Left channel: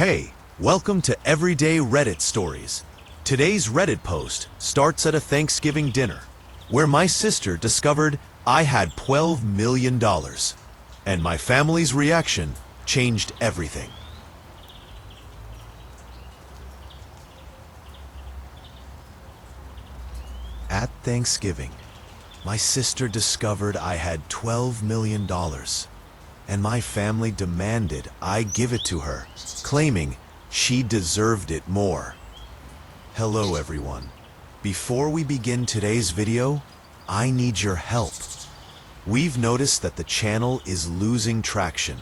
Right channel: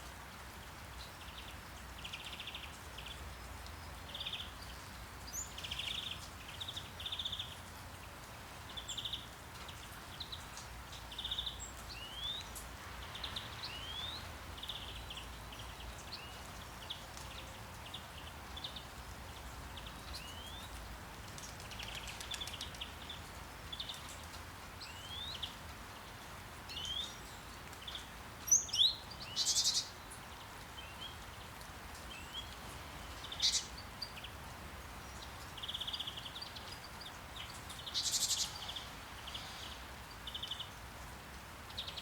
Hey, welcome to Everyday Reddit Stories. Today's Reddit post starts at a Thanksgiving dinner, where my sister discovered I had $12 million, and my family's reaction changed everything. At Thanksgiving, my sister discovered I had $12 million, and my family demanded I give it to her, claiming she deserved it more. Hello everyone. Before we begin today's video, I need your help. We've noticed that the channel is losing traction,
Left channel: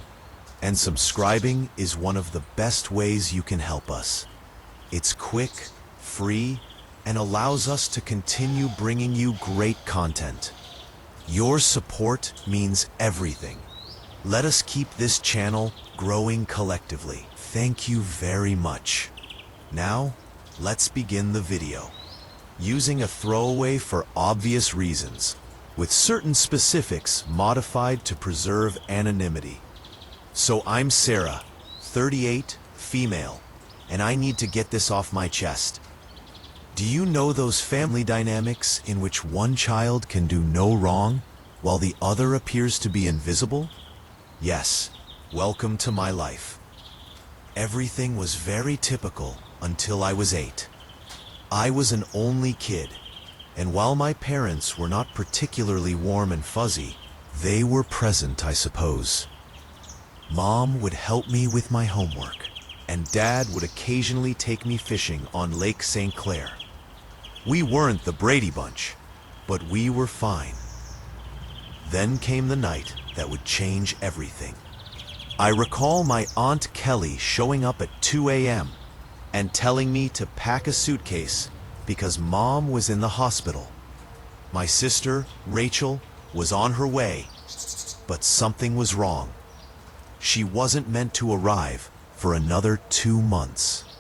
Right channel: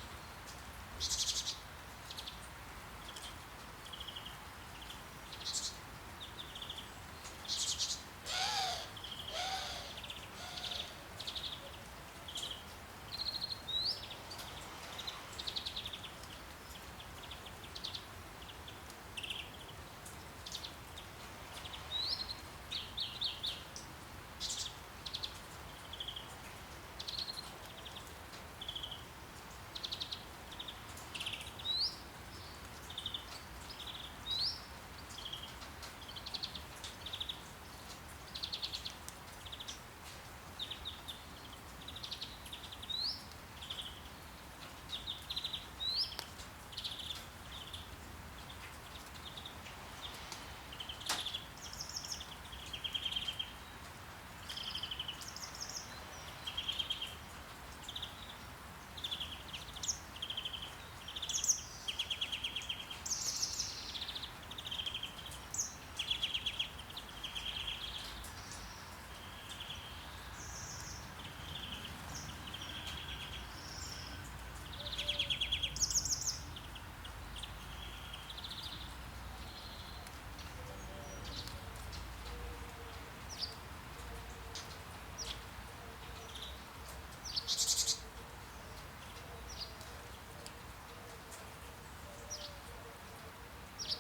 and subscribing is one of the best ways you can help us. It's quick, free, and allows us to continue bringing you great content. Your support means everything. Let us keep this channel growing collectively. Thank you very much. Now, let's begin the video. Using a throwaway for obvious reasons, with certain specifics modified to preserve anonymity. So I'm Sarah, 38, female, and I need to get this off my chest. Do you know those family dynamics in which one child can do no wrong, while the other appears to be invisible? Yes, welcome to my life. Everything was very typical until I was 8. I was an only kid, and while my parents were not particularly warm and fuzzy, they were present, I suppose. Mom would help me with my homework, and Dad would occasionally take me fishing on Lake St. Clair. We weren't the Brady Bunch, but we were fine. Then came the night that would change everything. I recall my Aunt Kelly showing up at 2 a.m. and telling me to pack a suitcase because Mom was in the hospital. My sister, Rachel, was on her way, but something was wrong. She wasn't meant to arrive for another 2 months.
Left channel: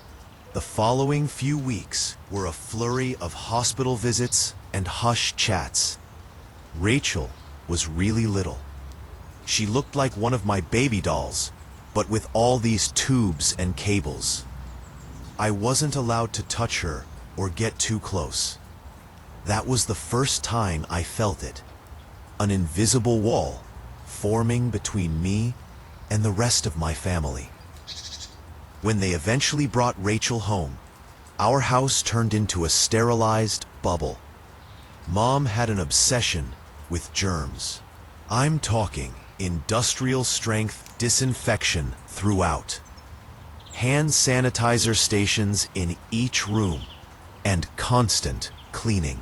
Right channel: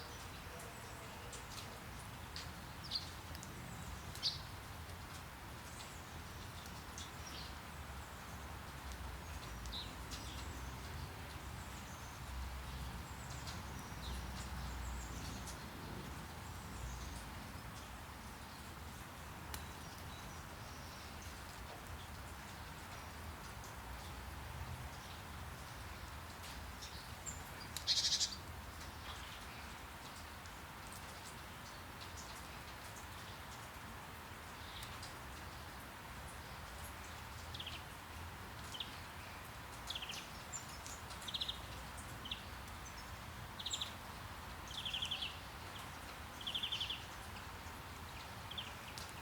The following few weeks were a flurry of hospital visits and hushed chats. Rachel was really little. She looked like one of my baby dolls, but with all these tubes and cables. I wasn't allowed to touch her or get too close. That was the first time I felt it. An invisible wall forming between me and the rest of my family. When they eventually brought Rachel home, our house turned into a sterilized bubble. Mom had an obsession with germs. I'm talking industrial strength disinfection throughout. Hand sanitizer stations in each room, and constant cleaning.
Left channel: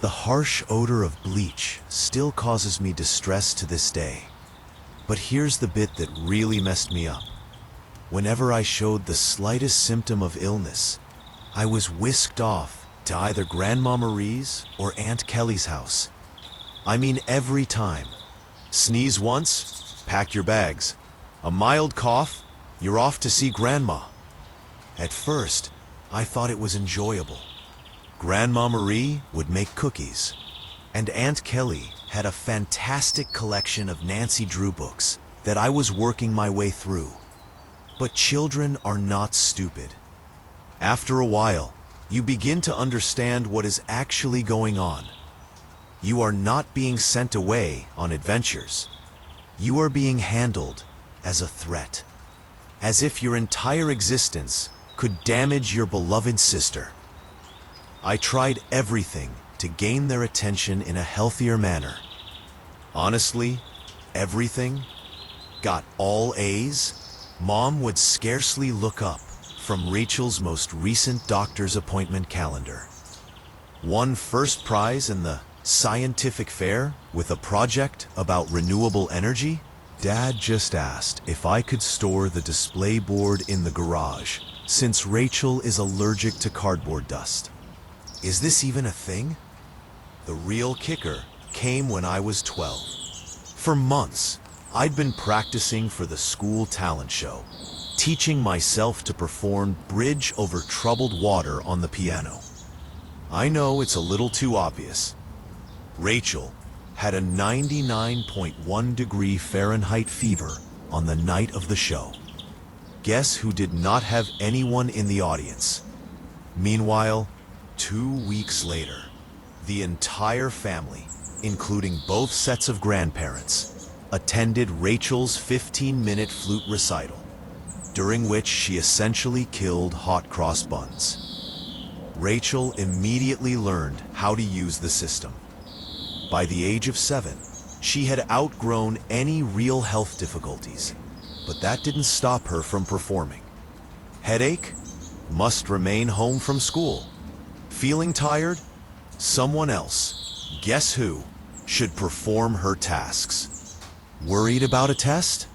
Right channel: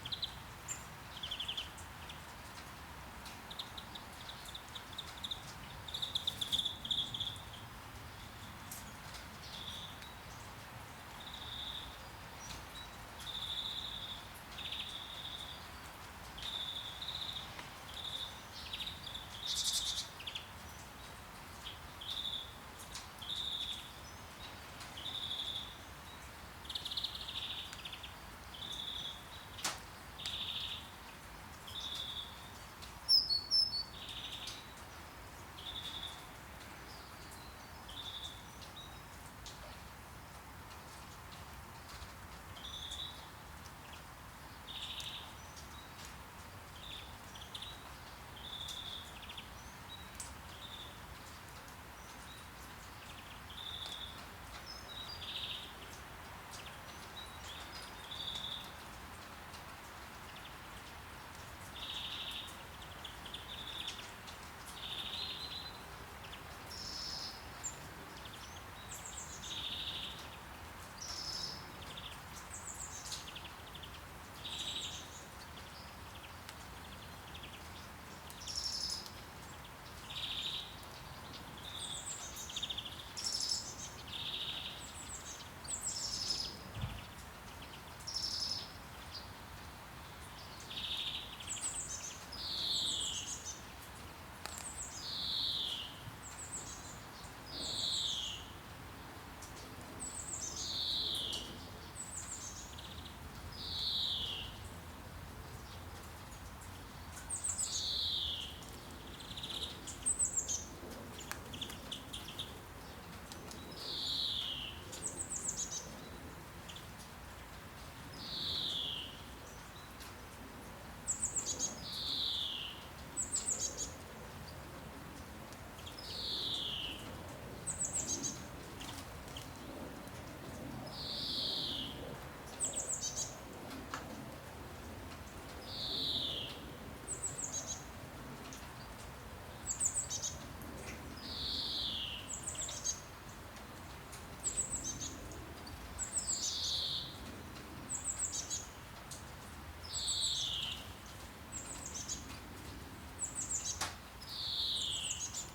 The harsh odor of bleach still causes me distress to this day. But here's the bit that really messed me up. Whenever I showed the slightest symptom of illness, I was whisked off to either Grandma Marie's or Aunt Kelly's house. I mean every time. Sneeze once, pack your bags. A mild cough, you're off to see Grandma. At first, I thought it was enjoyable. Grandma Marie would make cookies, and Aunt Kelly had a fantastic collection of Nancy Drew books that I was working my way through. But children are not stupid. After a while, you begin to understand what is actually going on. You are not being sent away on adventures. You are being handled as a threat, as if your entire existence could damage your beloved sister. I tried everything to gain their attention in a healthier manner. Honestly, everything. Got all A's. Mom would scarcely look up from Rachel's most recent doctor's appointment calendar. Won first prize in the scientific fair with a project about renewable energy. Dad just asked if I could store the display board in the garage, since Rachel is allergic to cardboard dust. Is this even a thing? The real kicker came when I was 12. For months, I'd been practicing for the school talent show, teaching myself to perform Bridge Over Troubled Water on the piano. I know it's a little too obvious. Rachel had a 99.1 degree Fahrenheit fever on the night of the show. Guess who did not have anyone in the audience? Meanwhile, 2 weeks later, the entire family, including both sets of grandparents, attended Rachel's 15-minute flute recital, during which she essentially killed hot cross buns. Rachel immediately learned how to use the system. By the age of 7, she had outgrown any real health difficulties, but that didn't stop her from performing. Headache? Must remain home from school. Feeling tired? Someone else, guess who, should perform her tasks. Worried about a test?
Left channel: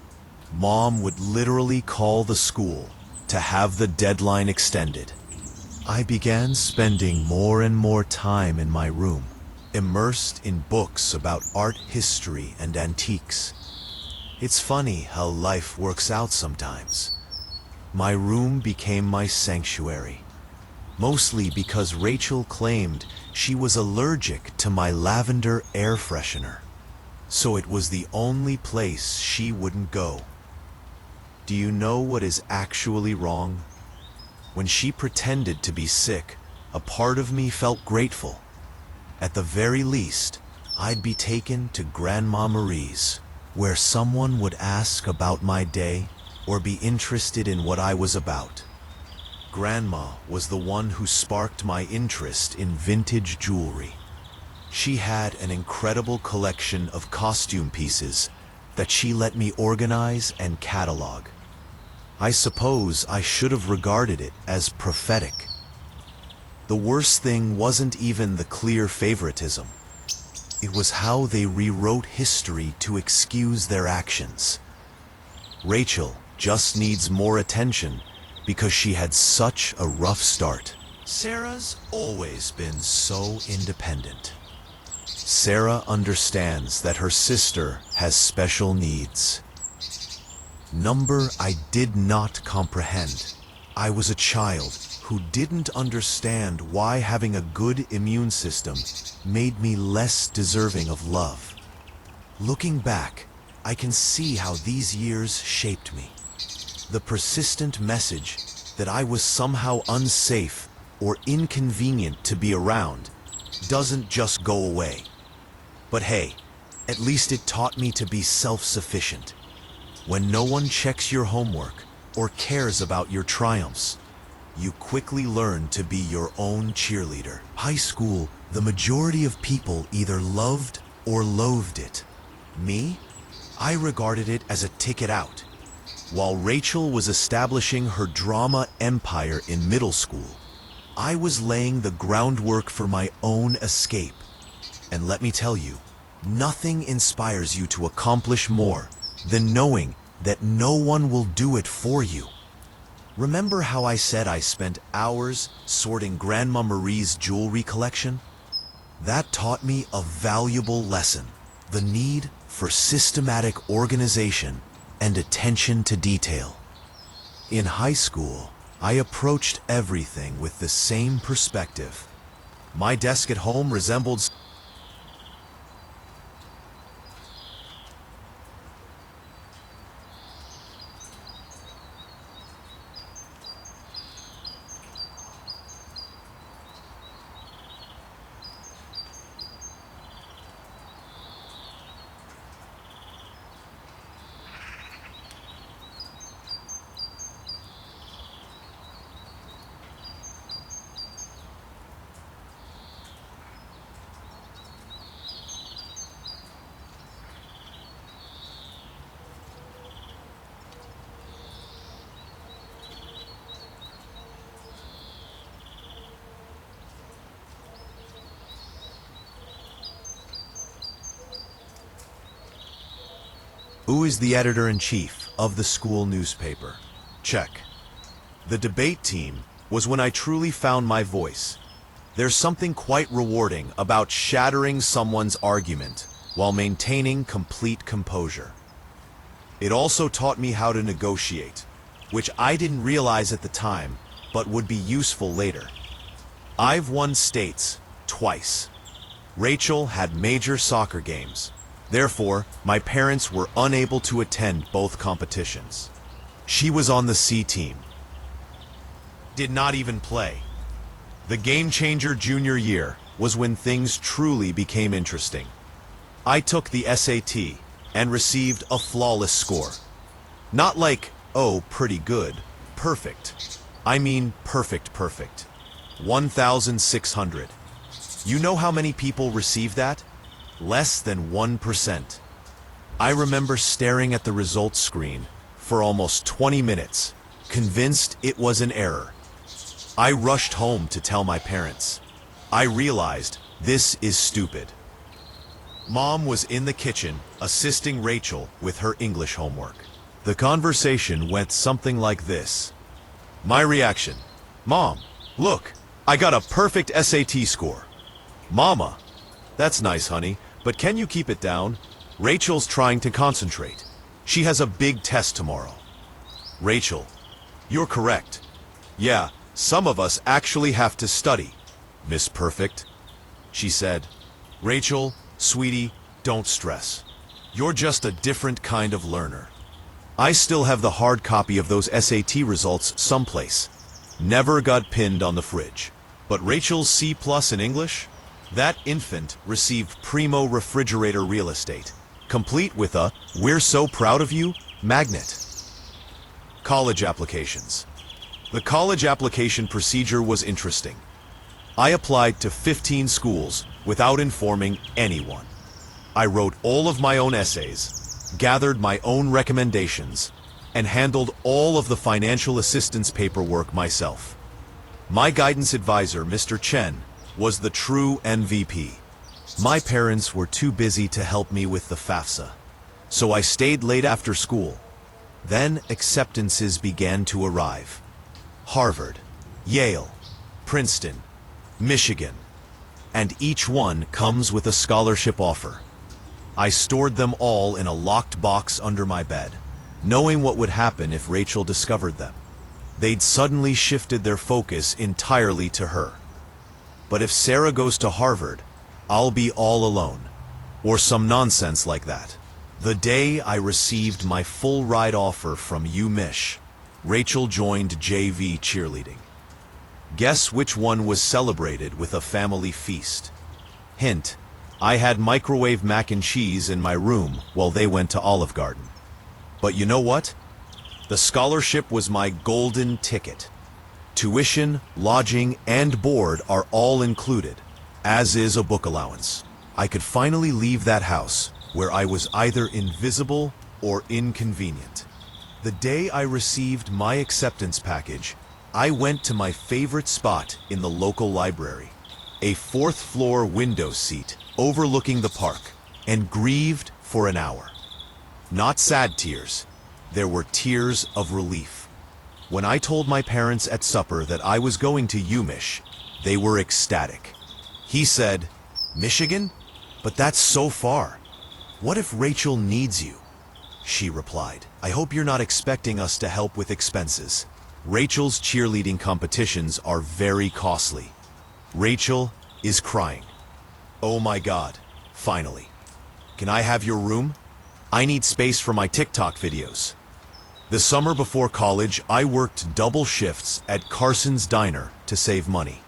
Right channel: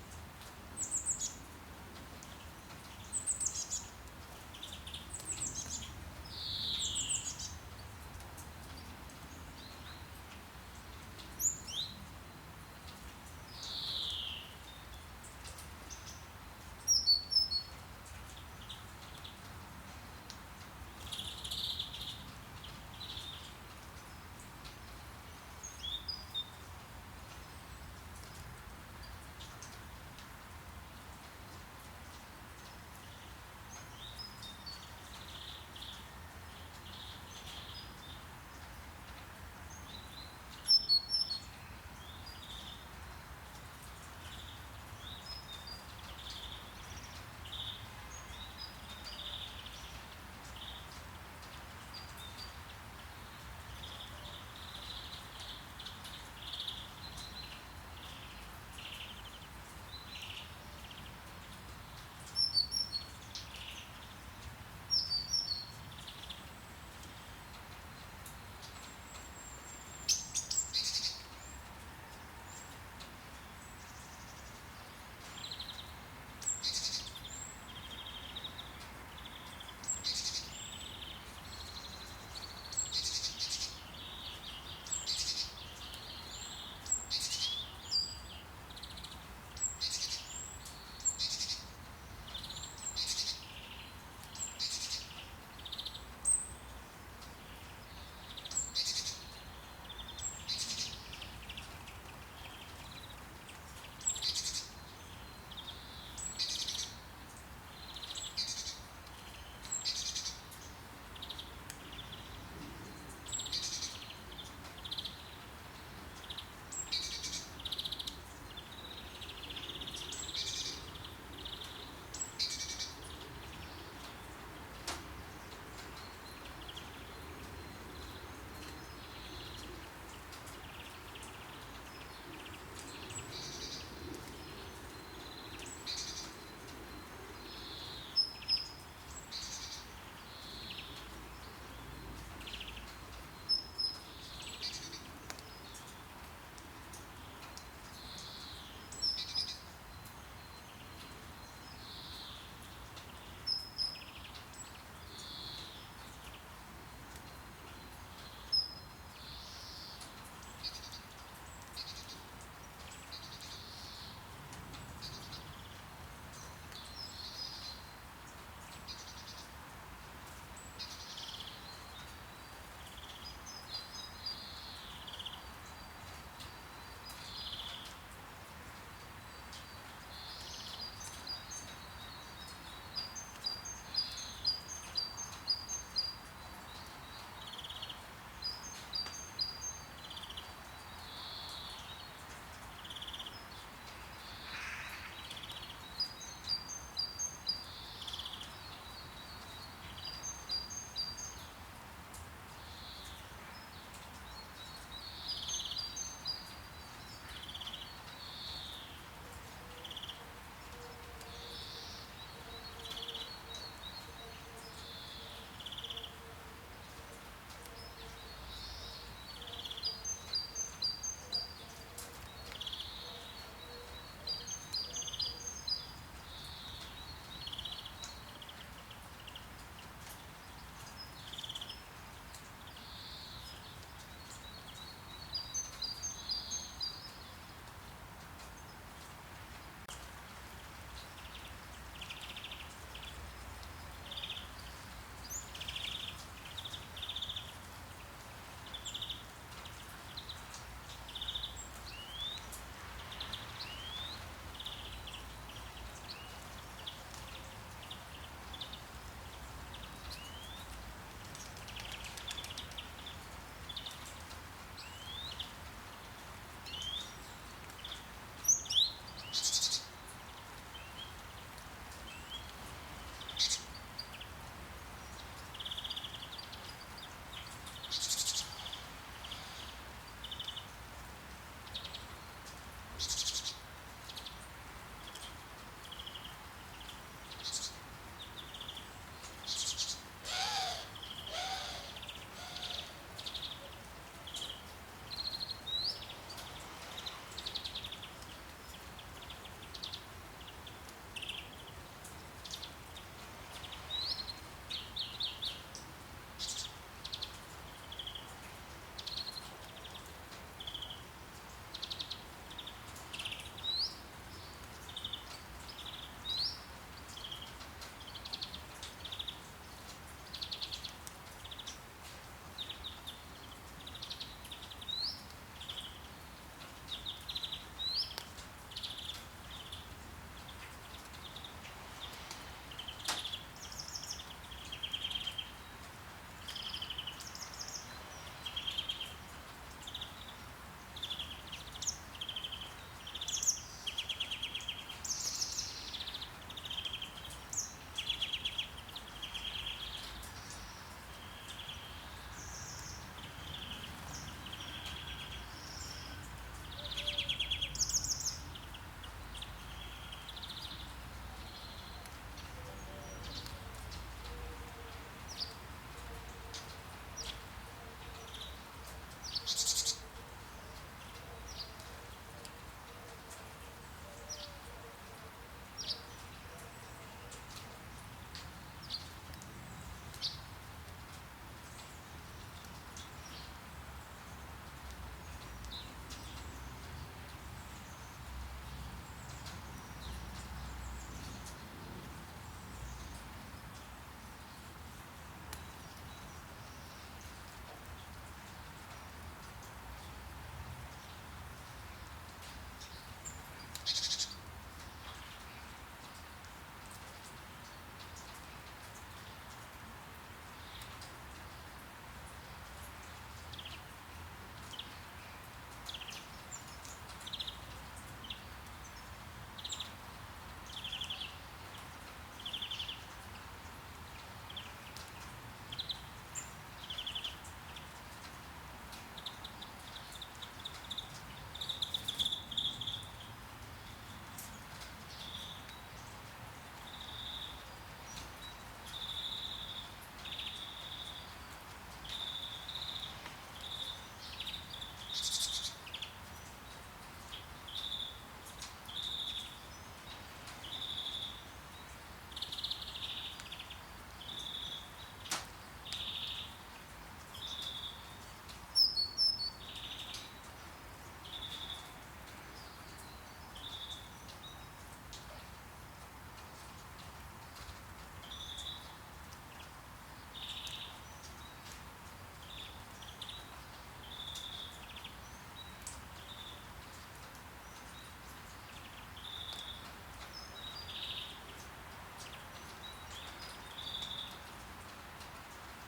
Mom would literally call the school to have the deadline extended. I began spending more and more time in my room, immersed in books about art history and antiques. It's funny how life works out sometimes. My room became my sanctuary, mostly because Rachel claimed she was allergic to my lavender air freshener, so it was the only place she wouldn't go. Do you know what is actually wrong? When she pretended to be sick, a part of me felt grateful. At the very least, I'd be taken to Grandma Marie's, where someone would ask about my day or be interested in what I was about. Grandma was the one who sparked my interest in vintage jewelry. She had an incredible collection of costume pieces that she let me organize and catalog. I suppose I should have regarded it as prophetic. The worst thing wasn't even the clear favoritism. It was how they rewrote history to excuse their actions. Rachel just needs more attention because she had such a rough start. Sarah's always been so independent. Sarah understands that her sister has special needs. Number I did not comprehend. I was a child who didn't understand why having a good immune system made me less deserving of love. Looking back, I can see how these years shaped me. The persistent message that I was somehow unsafe or inconvenient to be around doesn't just go away. But hey, at least it taught me to be self-sufficient. When no one checks your homework or cares about your triumphs, you quickly learn to be your own cheerleader. High school, the majority of people either loved or loathed it. Me? I regarded it as a ticket out. While Rachel was establishing her drama empire in middle school, I was laying the groundwork for my own escape. And let me tell you, nothing inspires you to accomplish more than knowing that no one will do it for you. Remember how I said I spent hours sorting Grandma Marie's jewelry collection? That taught me a valuable lesson: the need for systematic organization and attention to detail. In high school, I approached everything with the same perspective. My desk at home resembled Who is the editor-in-chief of the school newspaper? Check. The debate team was when I truly found my voice. There's something quite rewarding about shattering someone's argument while maintaining complete composure. It also taught me how to negotiate, which I didn't realize at the time, but would be useful later. I've won states twice. Rachel had major soccer games. Therefore, my parents were unable to attend both competitions. She was on the C team. Did not even play. The game changer junior year was when things truly became interesting. I took the SAT and received a flawless score. Not like, oh, pretty good, perfect. I mean perfect. 1,600. You know how many people receive that? Less than 1%. I remember staring at the results screen for almost 20 minutes, convinced it was an error. I rushed home to tell my parents. I realized this is stupid. Mom was in the kitchen assisting Rachel with her English homework. The conversation went something like this. My reaction: Mom, look, I got a perfect SAT score. Mama: that's nice, honey, but can you keep it down? Rachel's trying to concentrate. She has a big test tomorrow. Rachel: you're correct. Yeah, some of us actually have to study, Miss Perfect. She said, Rachel, sweetie, don't stress. You're just a different kind of learner. I still have the hard copy of those SAT results someplace. Never got pinned on the fridge. But Rachel's C+ in English? That infant received primo refrigerator real estate, complete with a "we're so proud of you" magnet. College applications. The college application procedure was interesting. I applied to 15 schools without informing anyone. I wrote all of my own essays, gathered my own recommendations, and handled all of the financial assistance paperwork myself. My guidance advisor, Mr. Chen, was the true MVP. My parents were too busy to help me with the FAFSA, so I stayed late after school. Then acceptances began to arrive. Harvard, Yale, Princeton, Michigan, and each one comes with a scholarship offer. I stored them all in a locked box under my bed, knowing what would happen if Rachel discovered them. They'd suddenly shifted their focus entirely to her. But if Sarah goes to Harvard, I'll be all alone, or some nonsense like that. The day I received my full ride offer from UMich, Rachel joined JV cheerleading. Guess which one was celebrated with a family feast? Hint, I had microwave mac and cheese in my room while they went to Olive Garden. But you know what? The scholarship was my golden ticket. Tuition, lodging, and board are all included, as is a book allowance. I could finally leave that house where I was either invisible or inconvenient. The day I received my acceptance package, I went to my favorite spot in the local library, a fourth-floor window seat overlooking the park, and grieved for an hour. Not sad tears, there were tears of relief. When I told my parents at supper that I was going to UMich, they were ecstatic. He said, Michigan? But that's so far. What if Rachel needs you? She replied, I hope you're not expecting us to help with expenses. Rachel's cheerleading competitions are very costly. Rachel is crying. Oh my God, finally. Can I have your room? I need space for my TikTok videos. The summer before college, I worked double shifts at Carson's Diner to save money.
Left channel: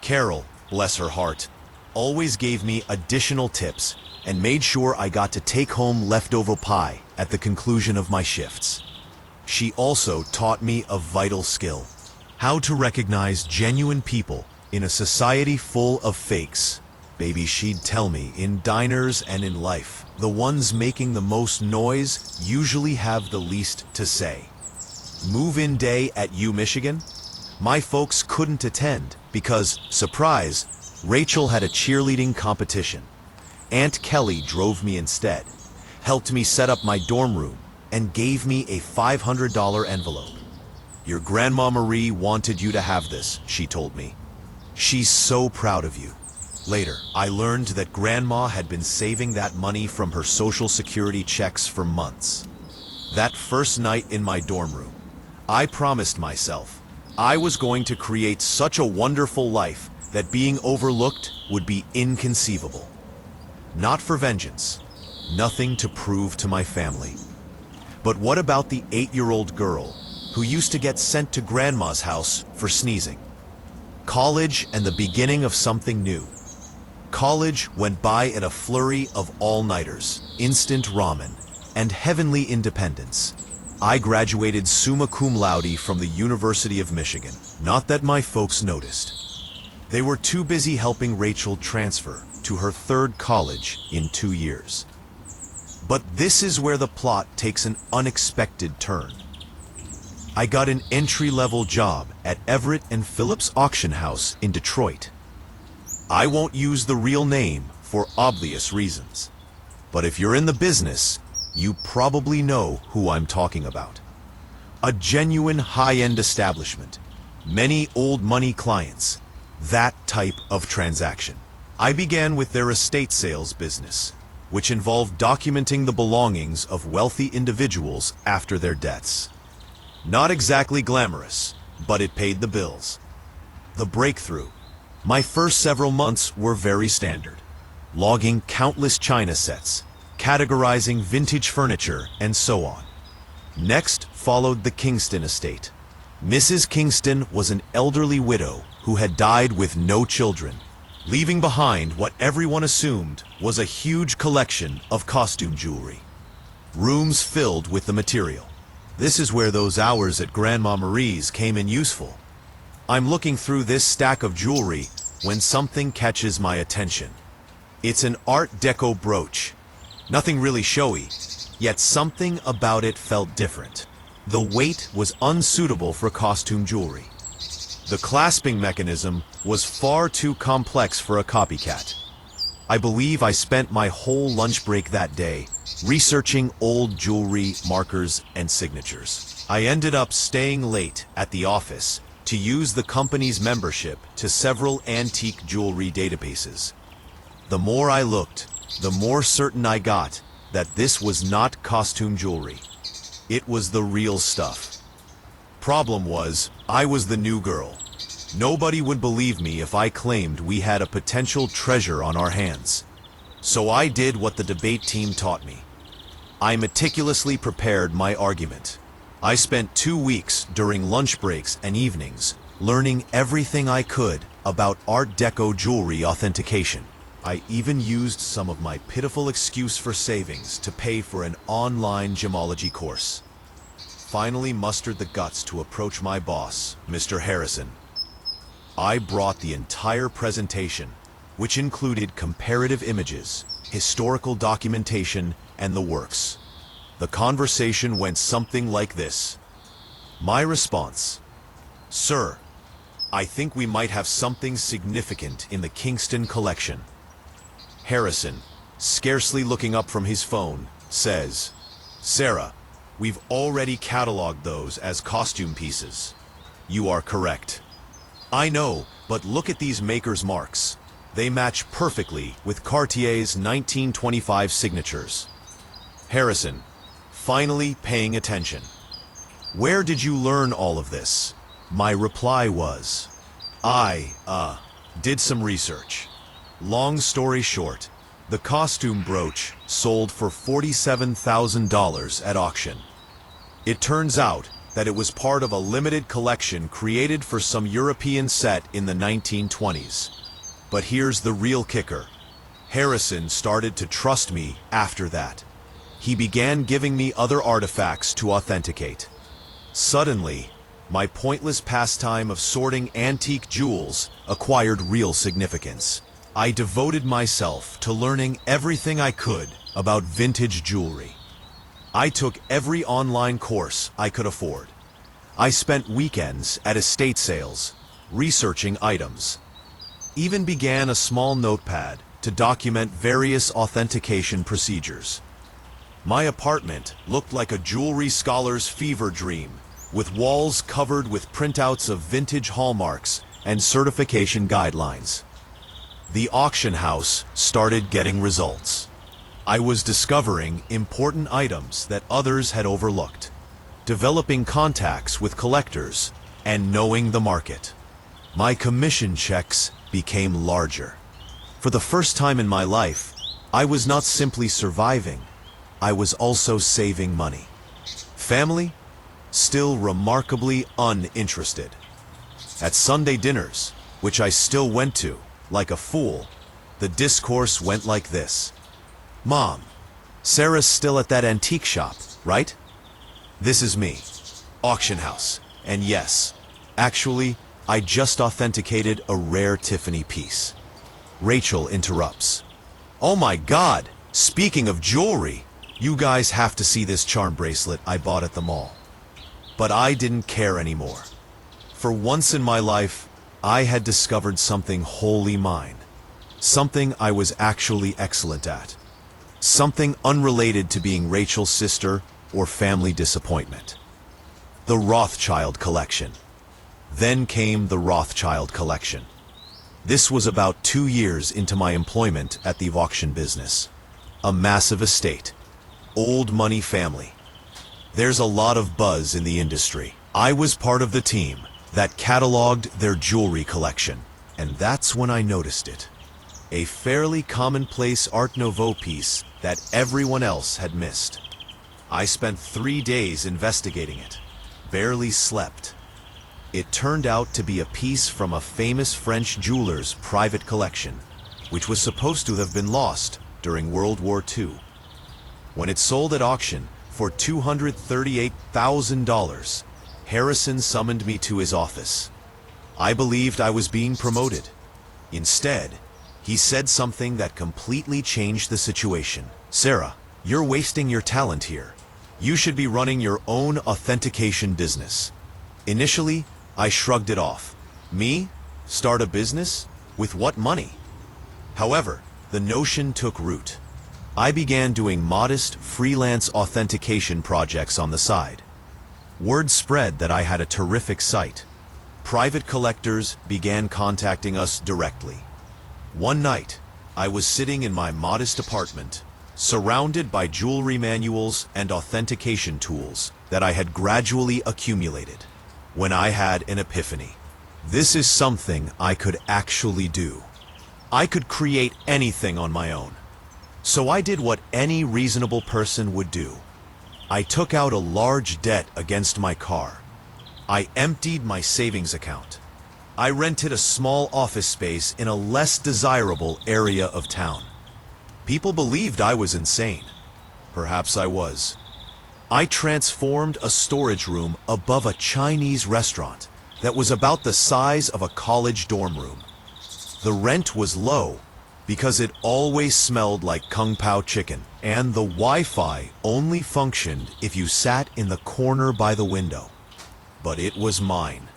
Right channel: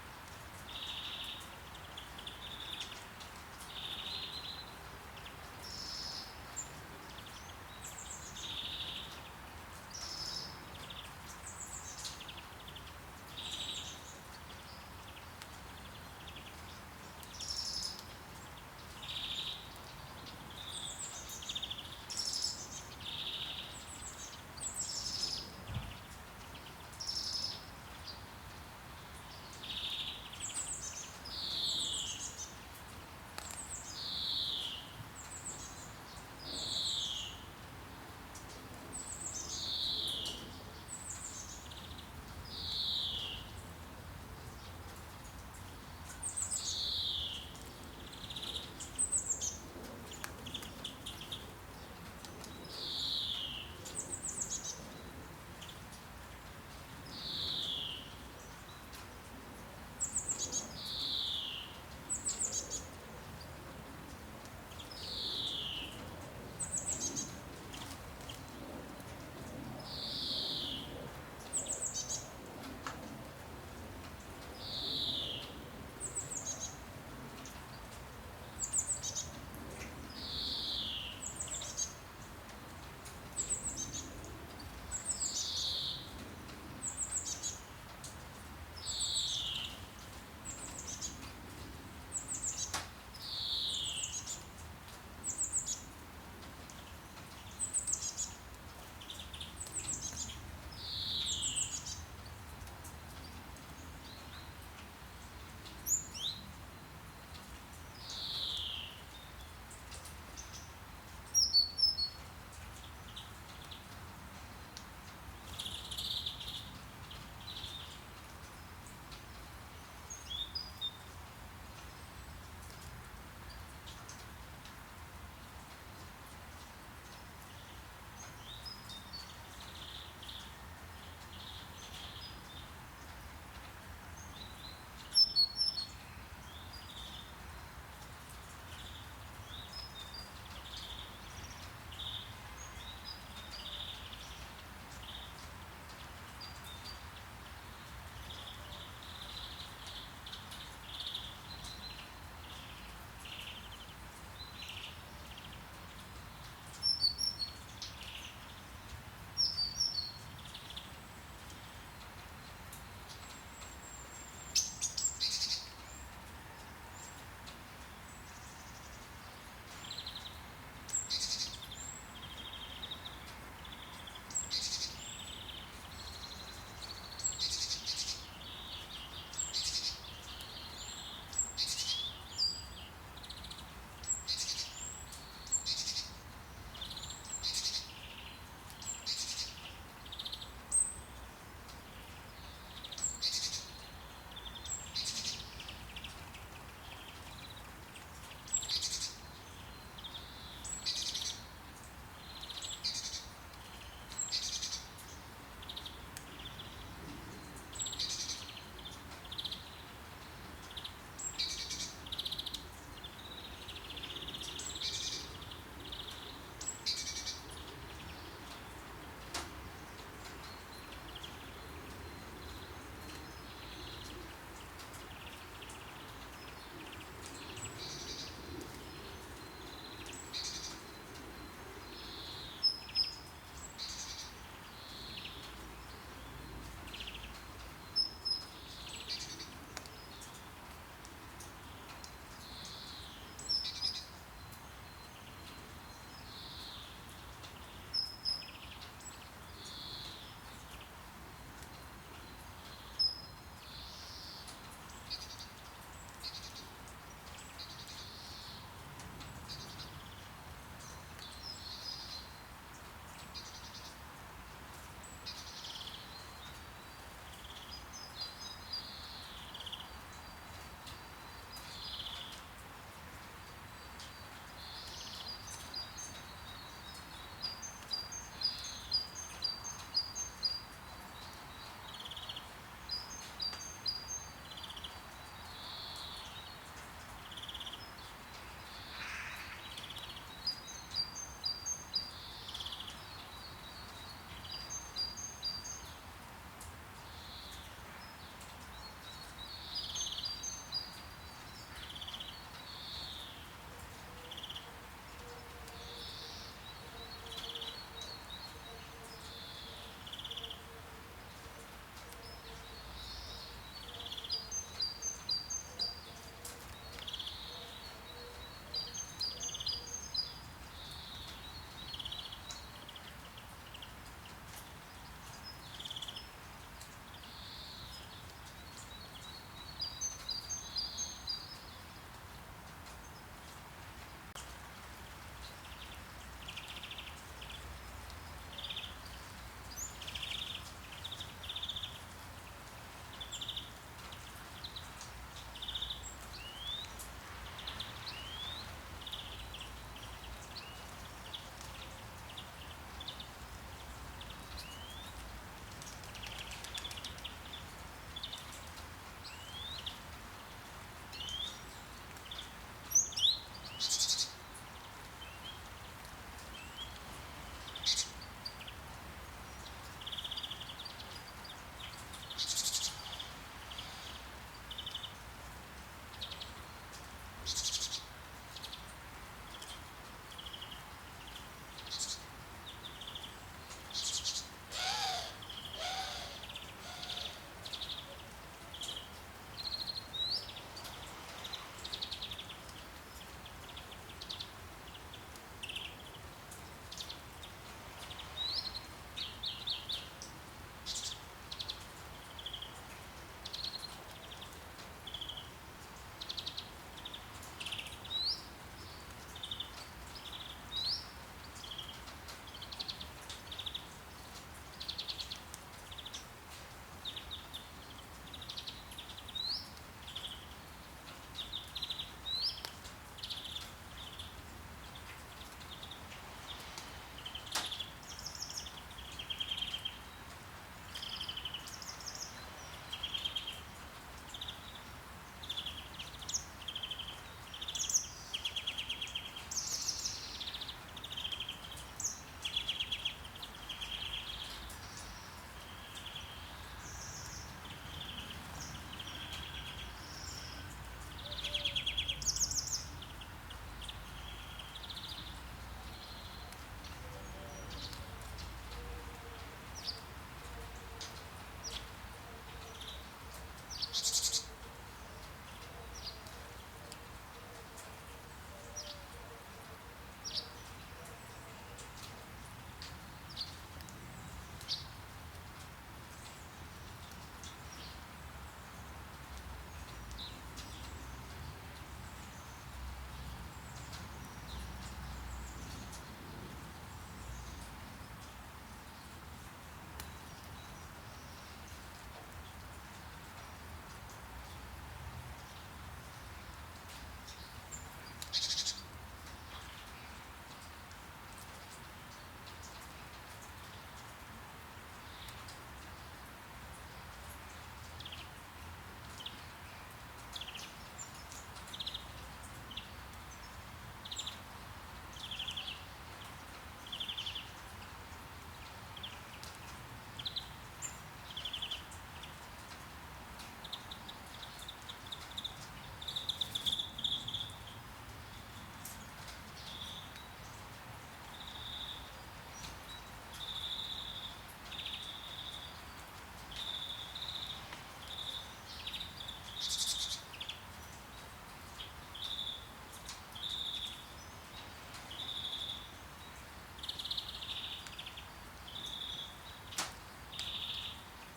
Carol, bless her heart, always gave me additional tips and made sure I got to take home leftover pie at the conclusion of my shifts. She also taught me a vital skill: how to recognize genuine people in a society full of fakes. Baby, she'd tell me, in diners and in life, the ones making the most noise usually have the least to say. Move-in day at UMichigan? My folks couldn't attend because, surprise, Rachel had a cheerleading competition. Aunt Kelly drove me instead, helped me set up my dorm room, and gave me a $500 envelope. Your Grandma Marie wanted you to have this, she told me. She's so proud of you. Later, I learned that Grandma had been saving that money from her Social Security checks for months. That first night in my dorm room, I promised myself I was going to create such a wonderful life that being overlooked would be inconceivable. Not for vengeance, nothing to prove to my family. But what about the 8-year-old girl who used to get sent to grandma's house for sneezing? College and the beginning of something new. College went by in a flurry of all-nighters, instant ramen, and heavenly independence. I graduated summa cum laude from the University of Michigan. Not that my folks noticed. They were too busy helping Rachel transfer to her third college in 2 years. But this is where the plot takes an unexpected turn. I got an entry-level job at Everett and Phillips Auction House in Detroit. I won't use the real name for obvious reasons. But if you're in the business, you probably know who I'm talking about. A genuine high-end establishment. Many old money clients. That type of transaction. I began with their estate sales business, which involved documenting the belongings of wealthy individuals after their deaths. Not exactly glamorous, but it paid the bills. The breakthrough. My first several months were very standard. Logging countless china sets, categorizing vintage furniture, and so on. Next followed the Kingston estate. Mrs. Kingston was an elderly widow who had died with no children, leaving behind what everyone assumed was a huge collection of costume jewelry. Rooms filled with the material. This is where those hours at Grandma Marie's came in useful. I'm looking through this stack of jewelry when something catches my attention. It's an Art Deco brooch. Nothing really showy, yet something about it felt different. The weight was unsuitable for costume jewelry. The clasping mechanism was far too complex for a copycat. I believe I spent my whole lunch break that day researching old jewelry, markers, and signatures. I ended up staying late at the office to use the company's membership to several antique jewelry databases. The more I looked, the more certain I got that this was not costume jewelry. It was the real stuff. Problem was, I was the new girl. Nobody would believe me if I claimed we had a potential treasure on our hands. So I did what the debate team taught me. I meticulously prepared my argument. I spent 2 weeks during lunch breaks and evenings learning everything I could about Art Deco jewelry authentication. I even used some of my pitiful excuse for savings to pay for an online gemology course. Finally mustered the guts to approach my boss, Mr. Harrison. I brought the entire presentation, which included comparative images, historical documentation, and the works. The conversation went something like this. My response: "Sir, I think we might have something significant in the Kingston collection." Harrison, scarcely looking up from his phone, says, "Sarah, we've already cataloged those as costume pieces." You are correct. I know, but look at these makers' marks. They match perfectly with Cartier's 1925 signatures. Harrison, finally paying attention. Where did you learn all of this? My reply was, I did some research. Long story short, the costume brooch sold for $47,000 at auction. It turns out that it was part of a limited collection created for some European set in the 1920s. But here's the real kicker. Harrison started to trust me after that. He began giving me other artifacts to authenticate. Suddenly, my pointless pastime of sorting antique jewels acquired real significance. I devoted myself to learning everything I could about vintage jewelry. I took every online course I could afford. I spent weekends at estate sales, researching items. Even began a small notepad to document various authentication procedures. My apartment looked like a jewelry scholar's fever dream, with walls covered with printouts of vintage hallmarks and certification guidelines. The auction house started getting results. I was discovering important items that others had overlooked, developing contacts with collectors, and knowing the market. My commission checks became larger. For the first time in my life, I was not simply surviving, I was also saving money. Family? Still remarkably uninterested. At Sunday dinners, which I still went to, like a fool, the discourse went like this. Mom, Sarah's still at that antique shop, right? This is me, auction house. And yes, actually, I just authenticated a rare Tiffany piece. Rachel interrupts. Oh my God, speaking of jewelry, you guys have to see this charm bracelet I bought at the mall. But I didn't care anymore. For once in my life, I had discovered something wholly mine. Something I was actually excellent at. Something unrelated to being Rachel's sister or family disappointment. The Rothschild Collection. Then came the Rothschild Collection. This was about 2 years into my employment at the auction business. A massive estate. Old money family. There's a lot of buzz in the industry. I was part of the team that cataloged their jewelry collection, and that's when I noticed it. A fairly commonplace Art Nouveau piece that everyone else had missed. I spent 3 days investigating it. Barely slept. It turned out to be a piece from a famous French jeweler's private collection, which was supposed to have been lost during World War II. When it sold at auction for $238,000, Harrison summoned me to his office. I believed I was being promoted. Instead, he said something that completely changed the situation. Sarah, you're wasting your talent here. You should be running your own authentication business. Initially, I shrugged it off. Me? Start a business? With what money? However, the notion took root. I began doing modest freelance authentication projects on the side. Word spread that I had a terrific site. Private collectors began contacting us directly. One night, I was sitting in my modest apartment, surrounded by jewelry manuals and authentication tools that I had gradually accumulated, when I had an epiphany. This is something I could actually do. I could create anything on my own. So I did what any reasonable person would do. I took out a large debt against my car. I emptied my savings account. I rented a small office space in a less desirable area of town. People believed I was insane. Perhaps I was. I transformed a storage room above a Chinese restaurant that was about the size of a college dorm room. The rent was low because it always smelled like Kung Pao chicken, and the Wi-Fi only functioned if you sat in the corner by the window. But it was mine.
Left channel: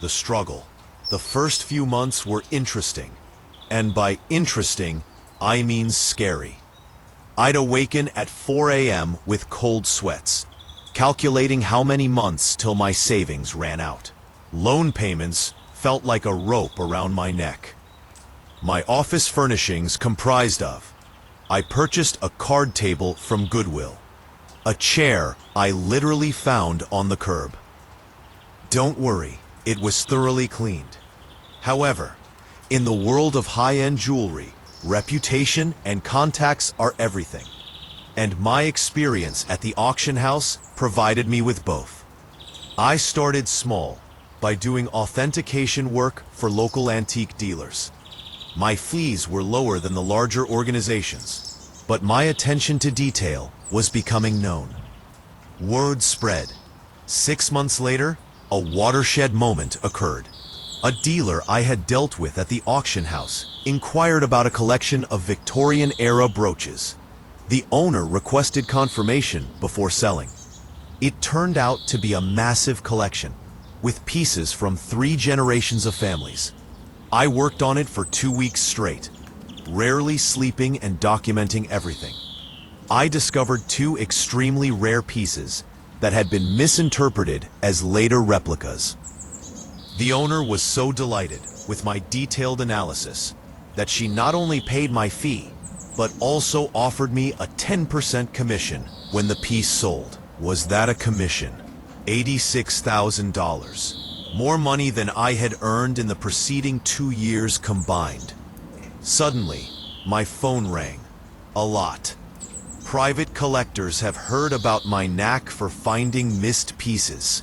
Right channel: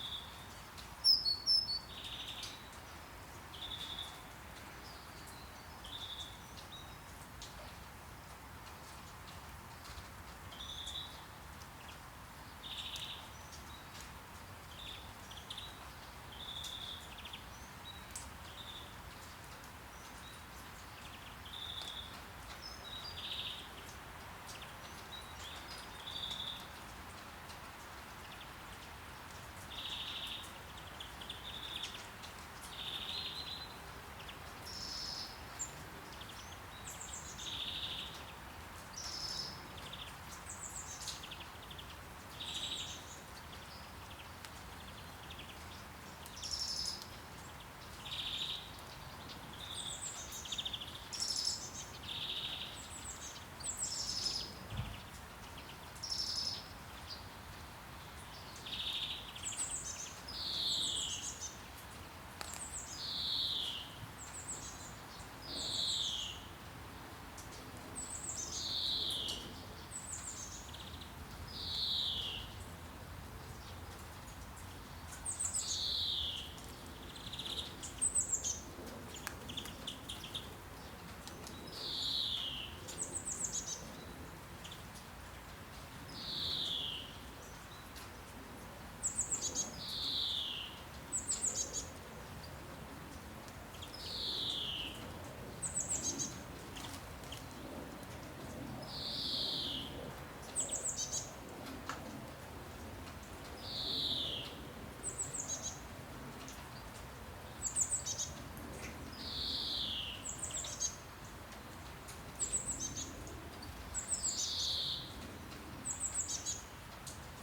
The struggle. The first few months were interesting, and by interesting, I mean scary. I'd awaken at 4 a.m. with cold sweats, calculating how many months till my savings ran out. Loan payments felt like a rope around my neck. My office furnishings comprised of: I purchased a card table from Goodwill, a chair I literally found on the curb. Don't worry, it was thoroughly cleaned. However, in the world of high-end jewelry, reputation and contacts are everything. And my experience at the auction house provided me with both. I started small by doing authentication work for local antique dealers. My fees were lower than the larger organizations, but my attention to detail was becoming known. Word spread. 6 months later, a watershed moment occurred. A dealer I had dealt with at the auction house inquired about a collection of Victorian-era brooches. The owner requested confirmation before selling. It turned out to be a massive collection, with pieces from 3 generations of families. I worked on it for 2 weeks straight, rarely sleeping and documenting everything. I discovered 2 extremely rare pieces that had been misinterpreted as later replicas. The owner was so delighted with my detailed analysis that she not only paid my fee, but also offered me a 10% commission when the piece sold. Was that a commission? $86,000. More money than I had earned in the preceding 2 years combined. Suddenly, my phone rang. A lot. Private collectors have heard about my knack for finding missed pieces.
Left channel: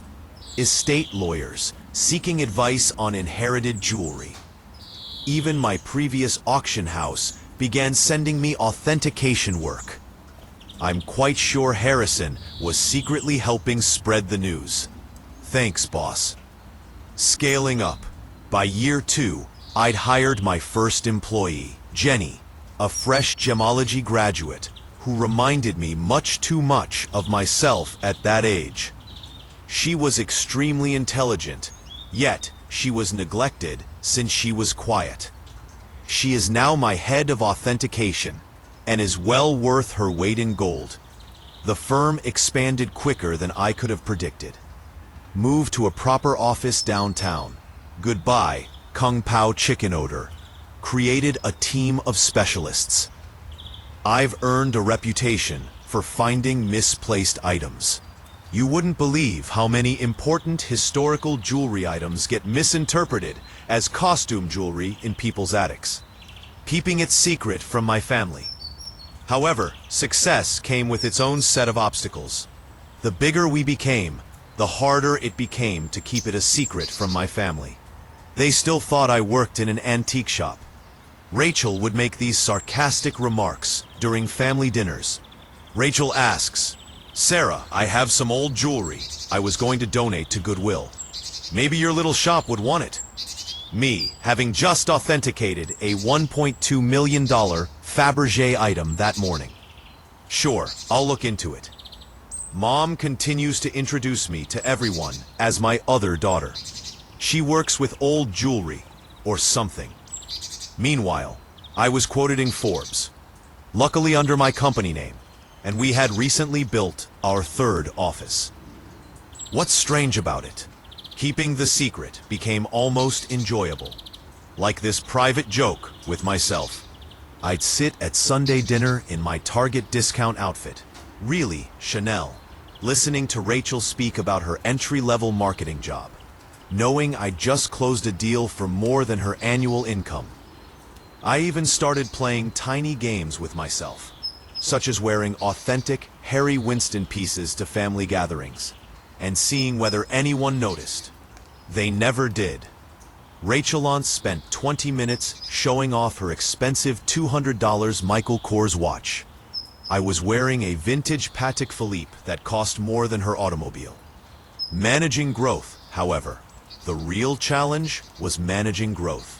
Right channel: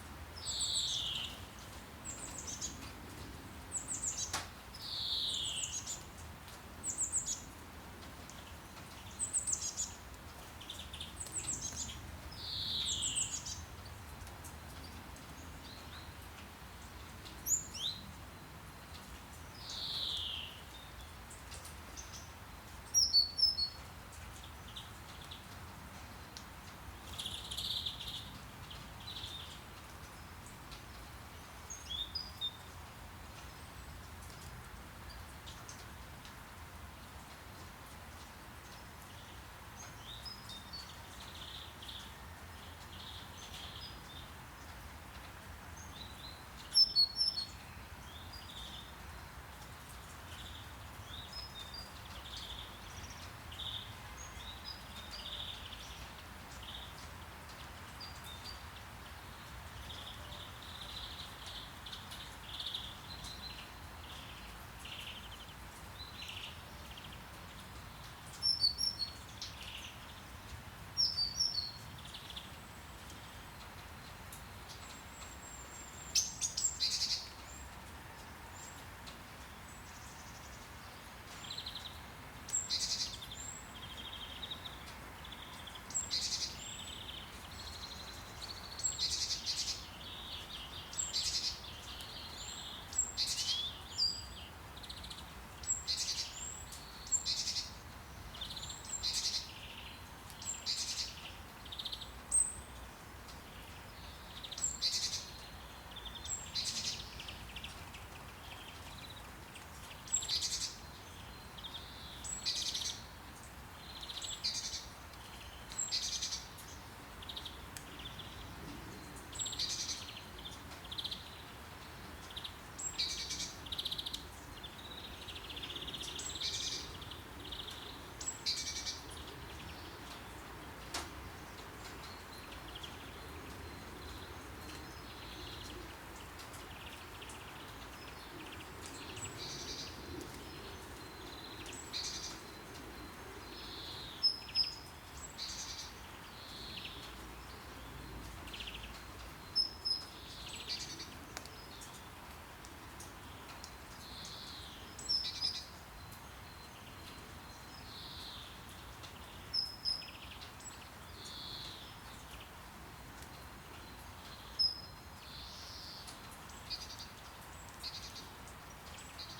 Estate lawyers seeking advice on inherited jewelry. Even my previous auction house began sending me authentication work. I'm quite sure Harrison was secretly helping spread the news. Thanks, boss. Scaling up. By year 2, I'd hired my first employee, Jenny, a fresh gemology graduate who reminded me much too much of myself at that age. She was extremely intelligent, yet she was neglected since she was quiet. She is now my head of authentication and is well worth her weight in gold. The firm expanded quicker than I could have predicted. Moved to a proper office downtown. Goodbye, Kung Pao chicken odor. Created a team of specialists. I've earned a reputation for finding misplaced items. You wouldn't believe how many important historical jewelry items get misinterpreted as costume jewelry in people's attics. Keeping it secret from my family. However, success came with its own set of obstacles. The bigger we became, the harder it became to keep it a secret from my family. They still thought I worked in an antique shop. Rachel would make these sarcastic remarks during family dinners. Rachel asks, "Sarah, I have some old jewelry I was going to donate to Goodwill. Maybe your little shop would want it." Me, having just authenticated a $1.2 million Fabergé item that morning. Sure, I'll look into it. Mom continues to introduce me to everyone as my other daughter. She works with old jewelry, or something. Meanwhile, I was quoted in Forbes, luckily under my company name, and we had recently built our third office. What's strange about it? Keeping the secret became almost enjoyable. Like this private joke with myself. I'd sit at Sunday dinner in my Target discount outfit, really Chanel, listening to Rachel speak about her entry-level marketing job, knowing I'd just closed a deal for more than her annual income. I even started playing tiny games with myself, such as wearing authentic Harry Winston pieces to family gatherings, and seeing whether anyone noticed. They never did. Rachel once spent 20 minutes showing off her expensive $200 Michael Kors watch. I was wearing a vintage Patek Philippe that cost more than her automobile. Managing growth, however, the real challenge was managing growth.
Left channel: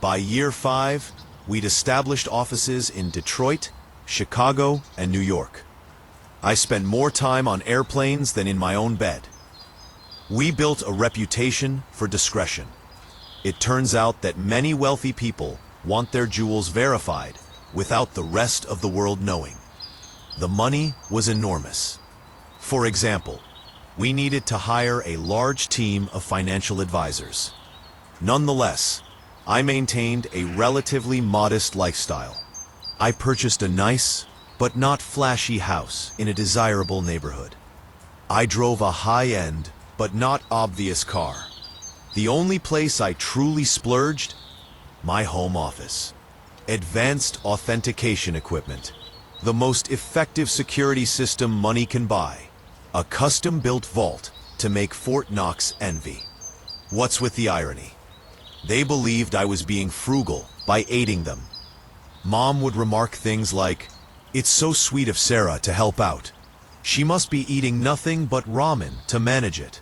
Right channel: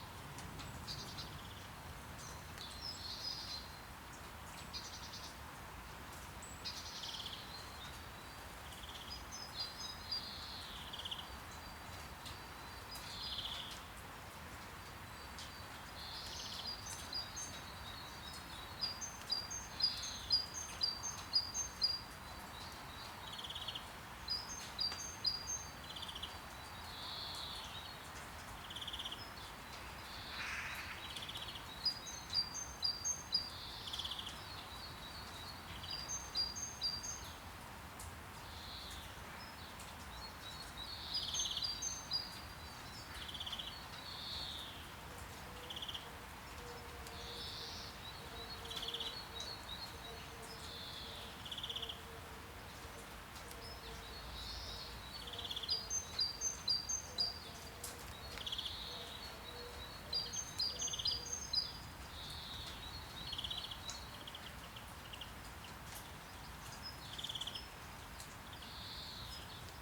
By year 5, we'd established offices in Detroit, Chicago, and New York. I spent more time on airplanes than in my own bed. We built a reputation for discretion. It turns out that many wealthy people want their jewels verified without the rest of the world knowing. The money was enormous. For example, we needed to hire a large team of financial advisors. Nonetheless, I maintained a relatively modest lifestyle. I purchased a nice, but not flashy house in a desirable neighborhood. I drove a high-end, but not obvious car. The only place I truly splurged? My home office. Advanced authentication equipment. The most effective security system money can buy. A custom-built vault to make Fort Knox envy. What's with the irony? They believed I was being frugal by aiding them. Mom would remark things like, "It's so sweet of Sarah to help out. She must be eating nothing but ramen to manage it."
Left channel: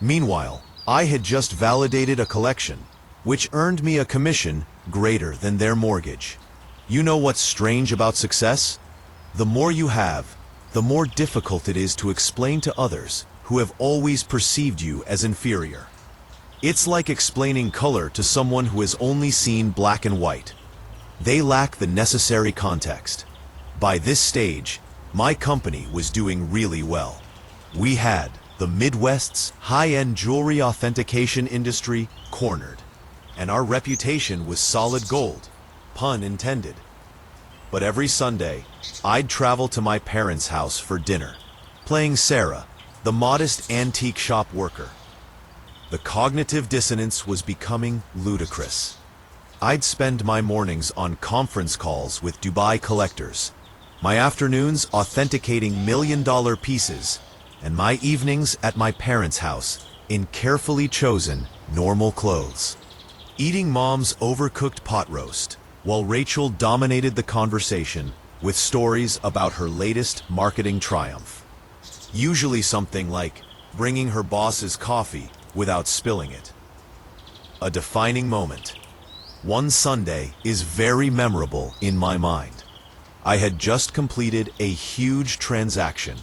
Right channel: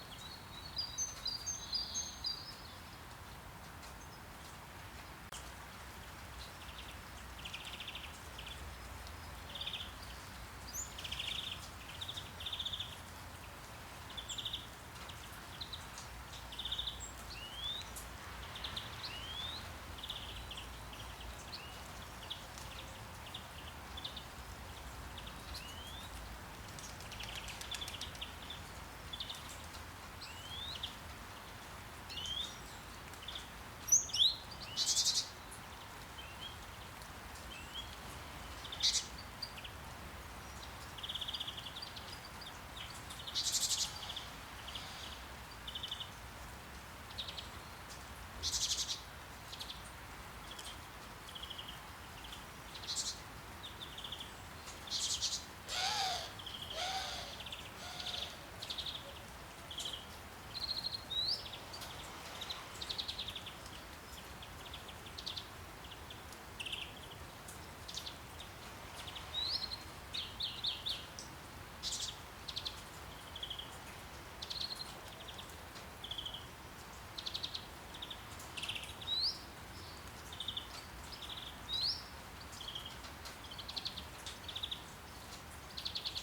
Meanwhile, I had just validated a collection, which earned me a commission greater than their mortgage. You know what's strange about success? The more you have, the more difficult it is to explain to others who have always perceived you as inferior. It's like explaining color to someone who has only seen black and white. They lack the necessary context. By this stage, my company was doing really well. We had the Midwest's high-end jewelry authentication industry cornered, and our reputation was solid gold, pun intended. But every Sunday, I'd travel to my parents' house for dinner, playing Sarah, the modest antique shop worker. The cognitive dissonance was becoming ludicrous. I'd spend my mornings on conference calls with Dubai collectors, my afternoons authenticating million-dollar pieces, and my evenings at my parents' house in carefully chosen, normal clothes. Eating Mom's overcooked pot roast, while Rachel dominated the conversation with stories about her latest marketing triumph. Usually something like bringing her boss's coffee without spilling it. A defining moment. One Sunday is very memorable in my mind. I had just completed a huge transaction,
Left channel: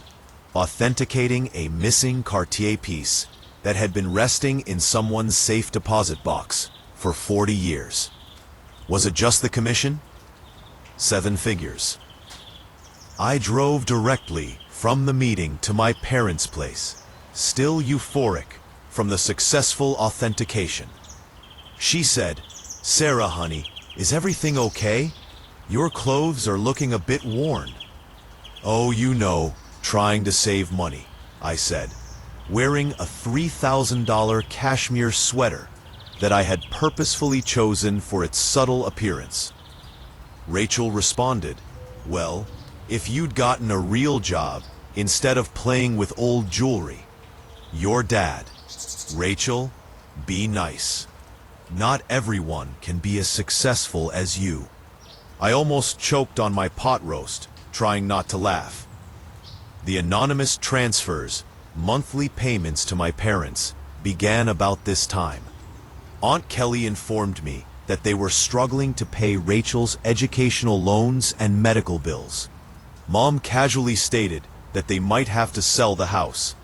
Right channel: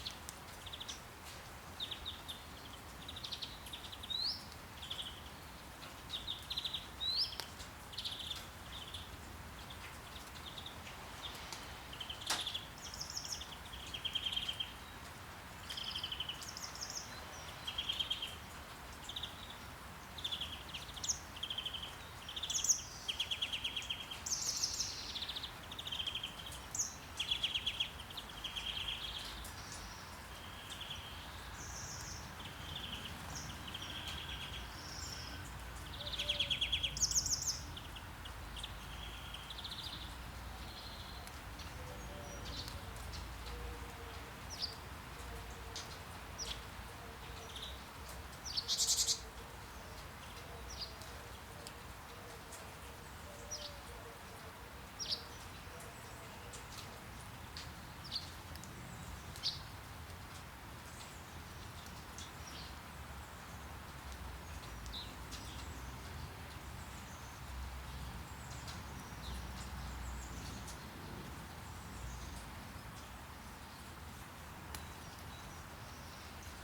authenticating a missing Cartier piece that had been resting in someone's safe deposit box for 40 years. Was it just the commission? 7 figures. I drove directly from the meeting to my parents' place, still euphoric from the successful authentication. She said, "Sarah, honey, is everything okay? Your clothes are looking a bit worn." "Oh, you know, trying to save money," I said, wearing a $3,000 cashmere sweater that I had purposefully chosen for its subtle appearance. Rachel responded, "Well, if you'd gotten a real job instead of playing with old jewelry. Your dad." Rachel, be nice. Not everyone can be as successful as you. I almost choked on my pot roast, trying not to laugh. The anonymous transfers, monthly payments to my parents, began about this time. Aunt Kelly informed me that they were struggling to pay Rachel's educational loans and medical bills. Mom casually stated that they might have to sell the house.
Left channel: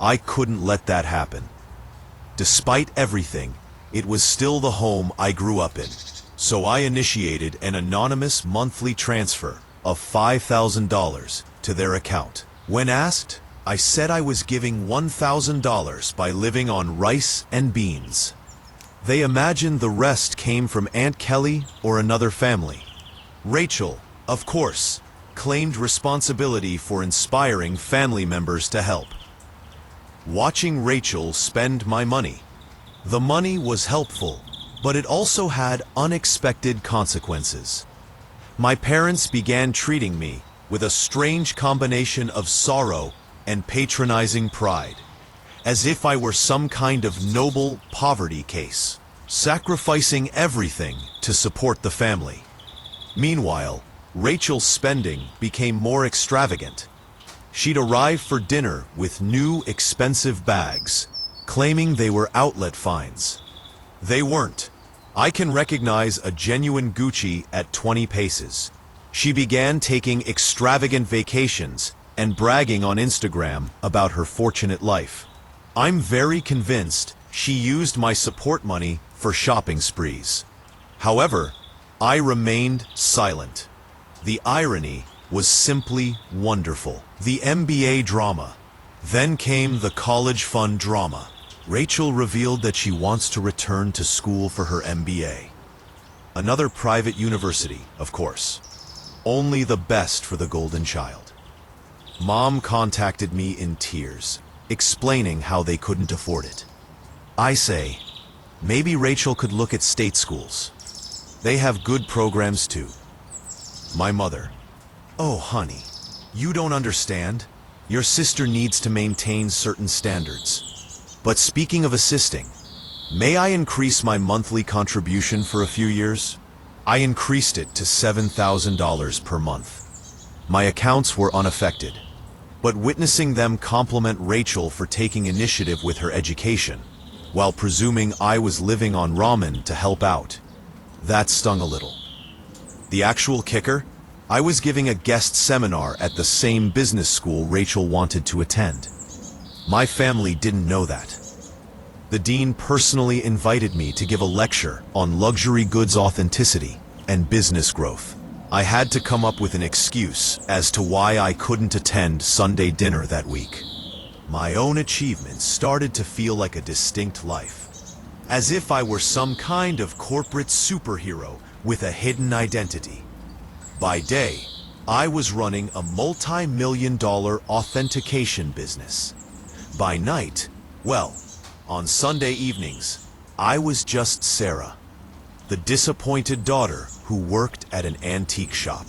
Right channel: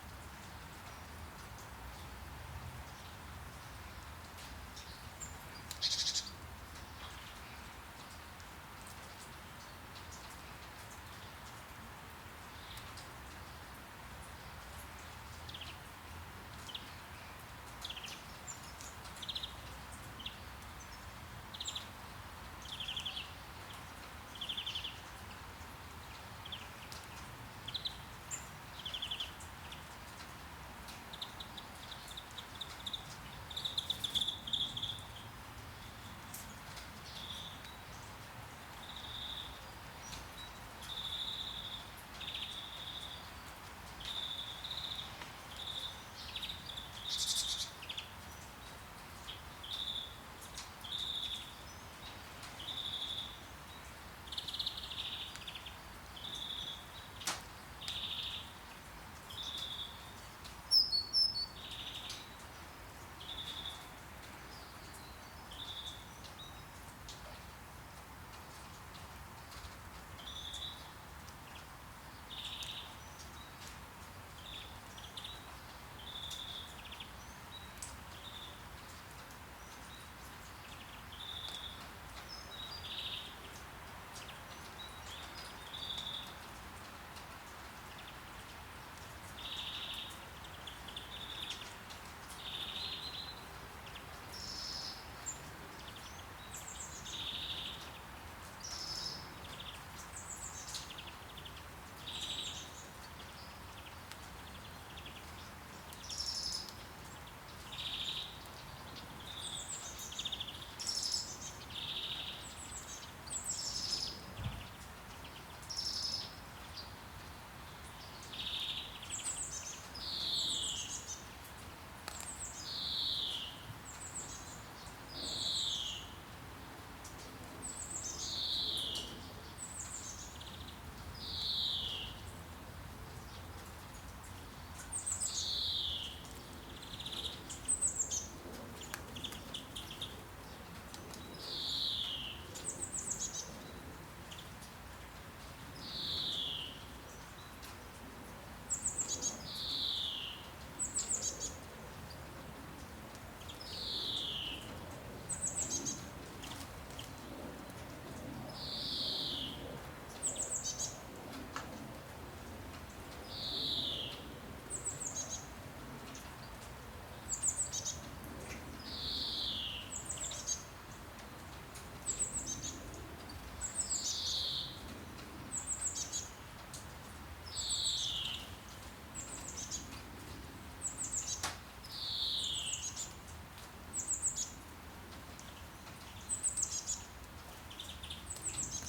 I couldn't let that happen. Despite everything, it was still the home I grew up in, so I initiated an anonymous monthly transfer of $5,000 to their account. When asked, I said I was giving $1,000 by living on rice and beans. They imagined the rest came from Aunt Kelly or another family. Rachel, of course, claimed responsibility for inspiring family members to help. Watching Rachel spend my money. The money was helpful, but it also had unexpected consequences. My parents began treating me with a strange combination of sorrow and patronizing pride, as if I were some kind of noble poverty case, sacrificing everything to support the family. Meanwhile, Rachel's spending became more extravagant. She'd arrive for dinner with new expensive bags, claiming they were outlet finds. They weren't. I can recognize a genuine Gucci at 20 paces. She began taking extravagant vacations and bragging on Instagram about her fortunate life. I'm very convinced she used my support money for shopping sprees. However, I remained silent. The irony was simply wonderful. The MBA drama. Then came the college fund drama. Rachel revealed that she wants to return to school for her MBA. Another private university, of course. Only the best for the golden child. Mom contacted me in tears, explaining how they couldn't afford it. I say, maybe Rachel could look at state schools. They have good programs too. My mother, "Oh, honey, you don't understand. Your sister needs to maintain certain standards. But speaking of assisting, may I increase my monthly contribution for a few years?" I increased it to $7,000 per month. My accounts were unaffected, but witnessing them compliment Rachel for taking initiative with her education, while presuming I was living on ramen to help out, that stung a little. The actual kicker? I was giving a guest seminar at the same business school Rachel wanted to attend. My family didn't know that. The dean personally invited me to give a lecture on luxury goods authenticity and business growth. I had to come up with an excuse as to why I couldn't attend Sunday dinner that week. My own achievements started to feel like a distinct life, as if I were some kind of corporate superhero with a hidden identity. By day, I was running a multi-million-dollar authentication business. By night, well, on Sunday evenings, I was just Sarah, the disappointed daughter who worked at an antique shop.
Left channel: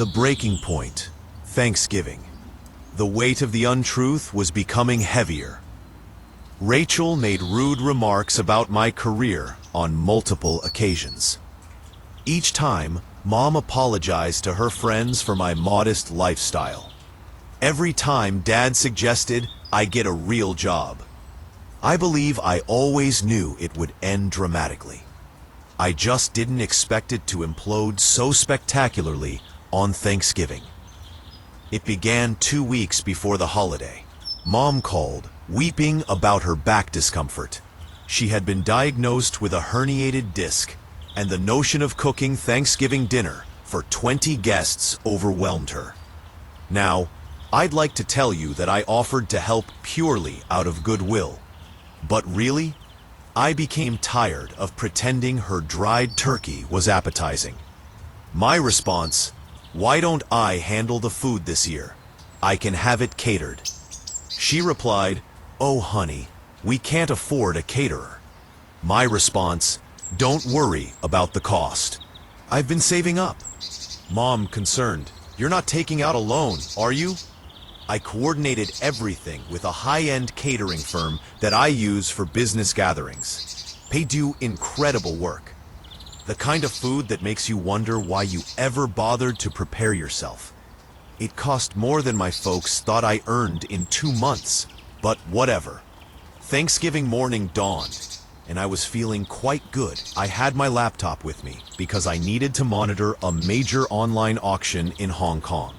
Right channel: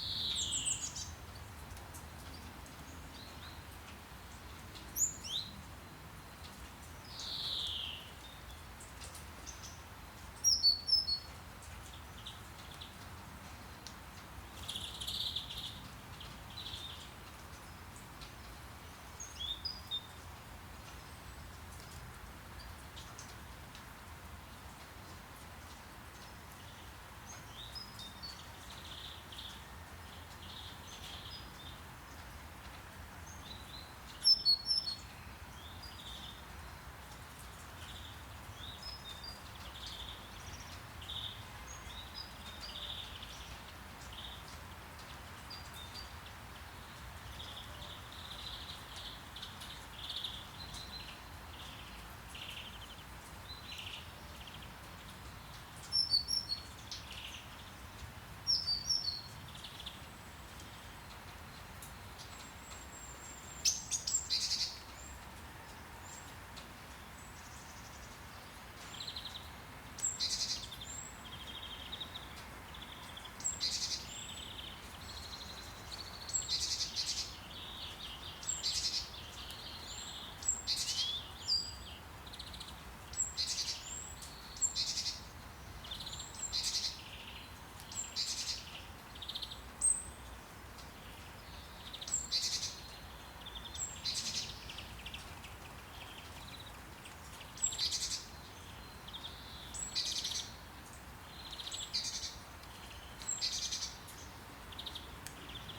The breaking point, Thanksgiving. The weight of the untruth was becoming heavier. Rachel made rude remarks about my career on multiple occasions. Each time, Mom apologized to her friends for my modest lifestyle. Every time Dad suggested I get a real job. I believe I always knew it would end dramatically. I just didn't expect it to implode so spectacularly on Thanksgiving. It began 2 weeks before the holiday. Mom called, weeping about her back discomfort. She had been diagnosed with a herniated disc, and the notion of cooking Thanksgiving dinner for 20 guests overwhelmed her. Now, I'd like to tell you that I offered to help purely out of goodwill. But really, I became tired of pretending her dried turkey was appetizing. My response, "Why don't I handle the food this year? I can have it catered." She replied, "Oh honey, we can't afford a caterer." My response, "Don't worry about the cost. I've been saving up." Mom, concerned, "You're not taking out a loan, are you?" I coordinated everything with a high-end catering firm that I use for business gatherings. They do incredible work. The kind of food that makes you wonder why you ever bothered to prepare yourself. It cost more than my folks thought I earned in 2 months, but whatever. Thanksgiving morning dawned, and I was feeling quite good. I had my laptop with me because I needed to monitor a major online auction in Hong Kong.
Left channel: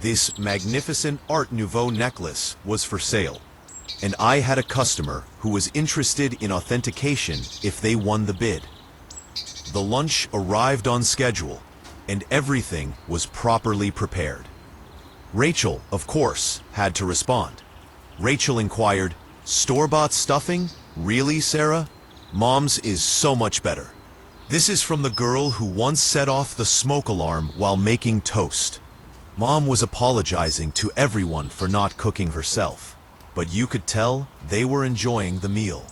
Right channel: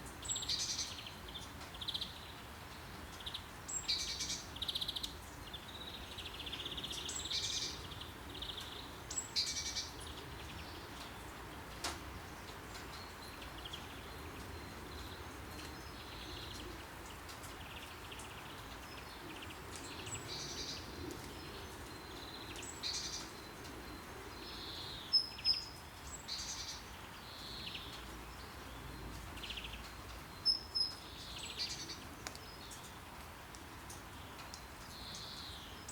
This magnificent Art Nouveau necklace was for sale, and I had a customer who was interested in authentication if they won the bid. The lunch arrived on schedule, and everything was properly prepared. Rachel, of course, had to respond. Rachel inquired, "Store-bought stuffing? Really, Sarah? Mom's is so much better." This is from the girl who once set off the smoke alarm while making toast. Mom was apologizing to everyone for not cooking herself, but you could tell they were enjoying the meal.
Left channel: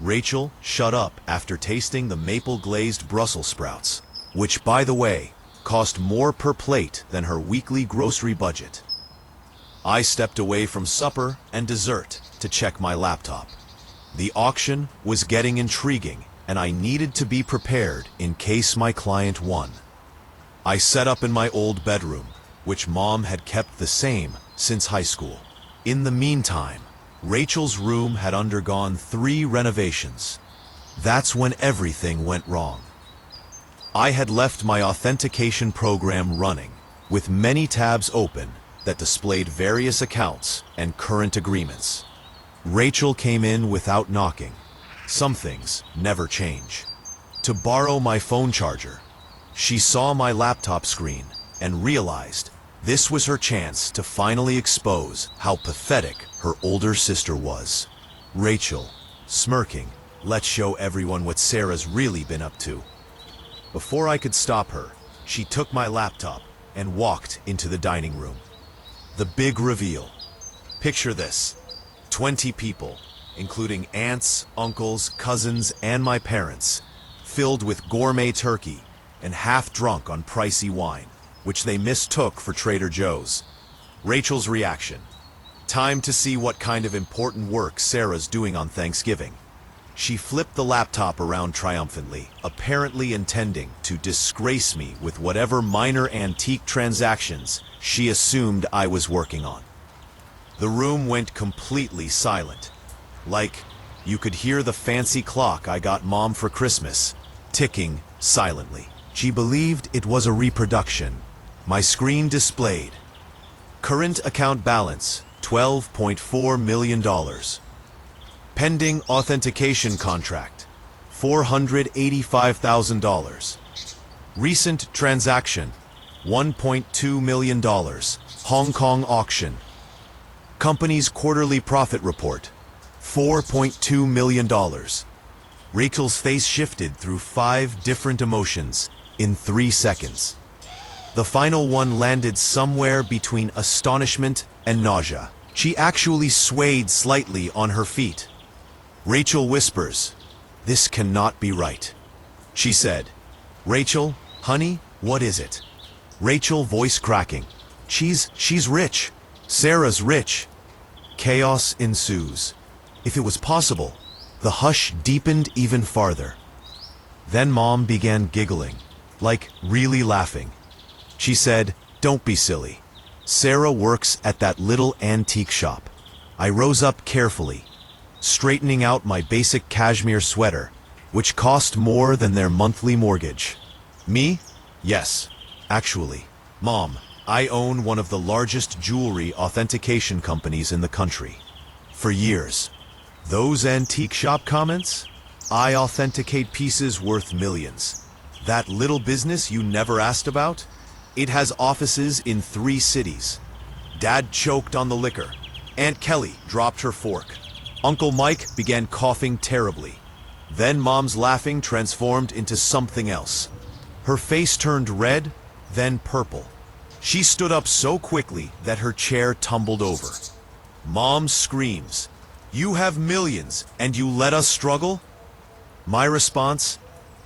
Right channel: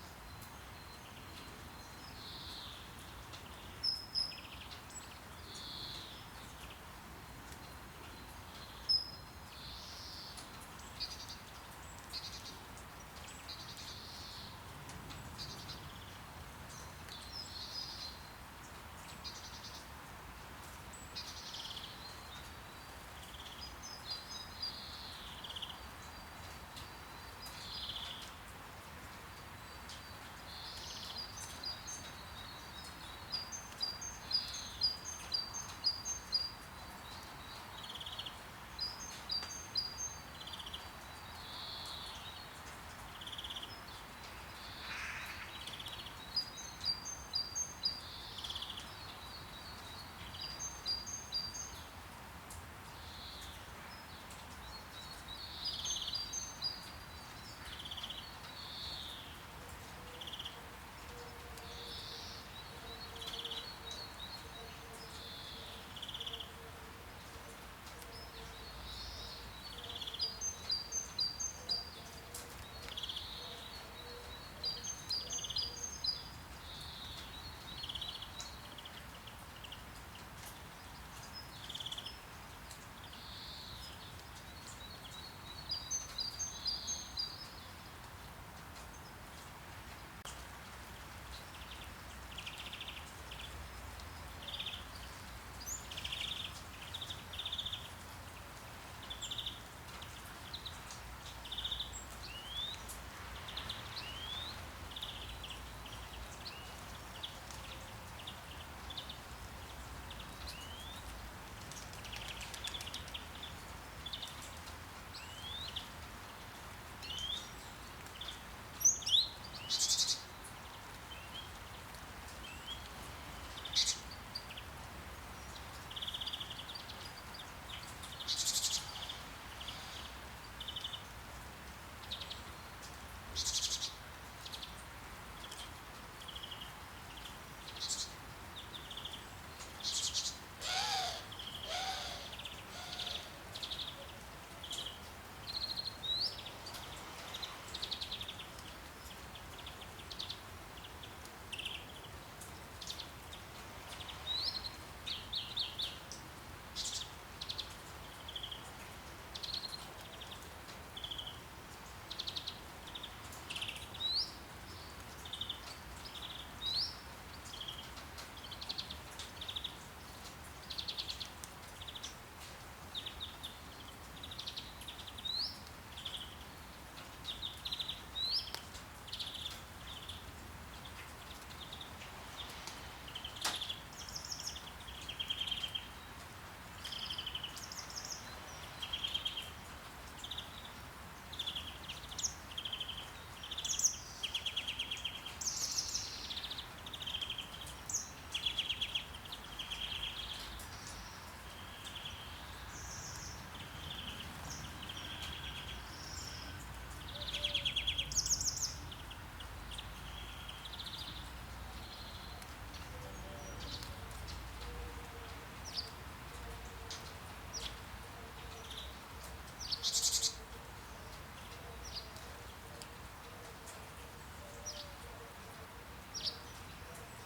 Rachel shut up after tasting the maple-glazed Brussels sprouts, which, by the way, cost more per plate than her weekly grocery budget. I stepped away from supper and dessert to check my laptop. The auction was getting intriguing, and I needed to be prepared in case my client won. I set up in my old bedroom, which Mom had kept the same since high school. In the meantime, Rachel's room had undergone 3 renovations. That's when everything went wrong. I had left my authentication program running, with many tabs open that displayed various accounts and current agreements. Rachel came in without knocking. Some things never change. To borrow my phone charger, she saw my laptop screen and realized this was her chance to finally expose how pathetic her older sister was. Rachel, smirking, "Let's show everyone what Sarah's really been up to." Before I could stop her, she took my laptop and walked into the dining room. The big reveal. Picture this: 20 people, including aunts, uncles, cousins, and my parents, filled with gourmet turkey and half drunk on pricey wine, which they mistook for Trader Joe's. Rachel's reaction. Time to see what kind of important work Sarah's doing on Thanksgiving. She flipped the laptop around triumphantly, apparently intending to disgrace me with whatever minor antique transactions she assumed I was working on. The room went completely silent. Like, you could hear the fancy clock I got Mom for Christmas, ticking silently. She believed it was a reproduction. My screen displayed current account balance, $12.4 million. Pending authentication contract, $485,000. Recent transaction, $1.2 million. Hong Kong auction. Company's quarterly profit report, $4.2 million. Rachel's face shifted through 5 different emotions in 3 seconds. The final one landed somewhere between astonishment and nausea. She actually swayed slightly on her feet. Rachel whispers, "This cannot be right." She said, "Rachel, honey, what is it?" Rachel, voice cracking. She's rich. Sarah's rich. Chaos ensues. If it was possible, the hush deepened even farther. Then Mom began giggling, like really laughing. She said, "Don't be silly. Sarah works at that little antique shop." I rose up carefully, straightening out my basic cashmere sweater, which cost more than their monthly mortgage. Me? Yes, actually. Mom, I own one of the largest jewelry authentication companies in the country. For years. Those antique shop comments? I authenticate pieces worth millions. That little business you never asked about? It has offices in 3 cities. Dad choked on the liquor. Aunt Kelly dropped her fork. Uncle Mike began coughing terribly. Then Mom's laughing transformed into something else. Her face turned red, then purple. She stood up so quickly that her chair tumbled over. Mom screams, "You have millions and you let us struggle?" My response,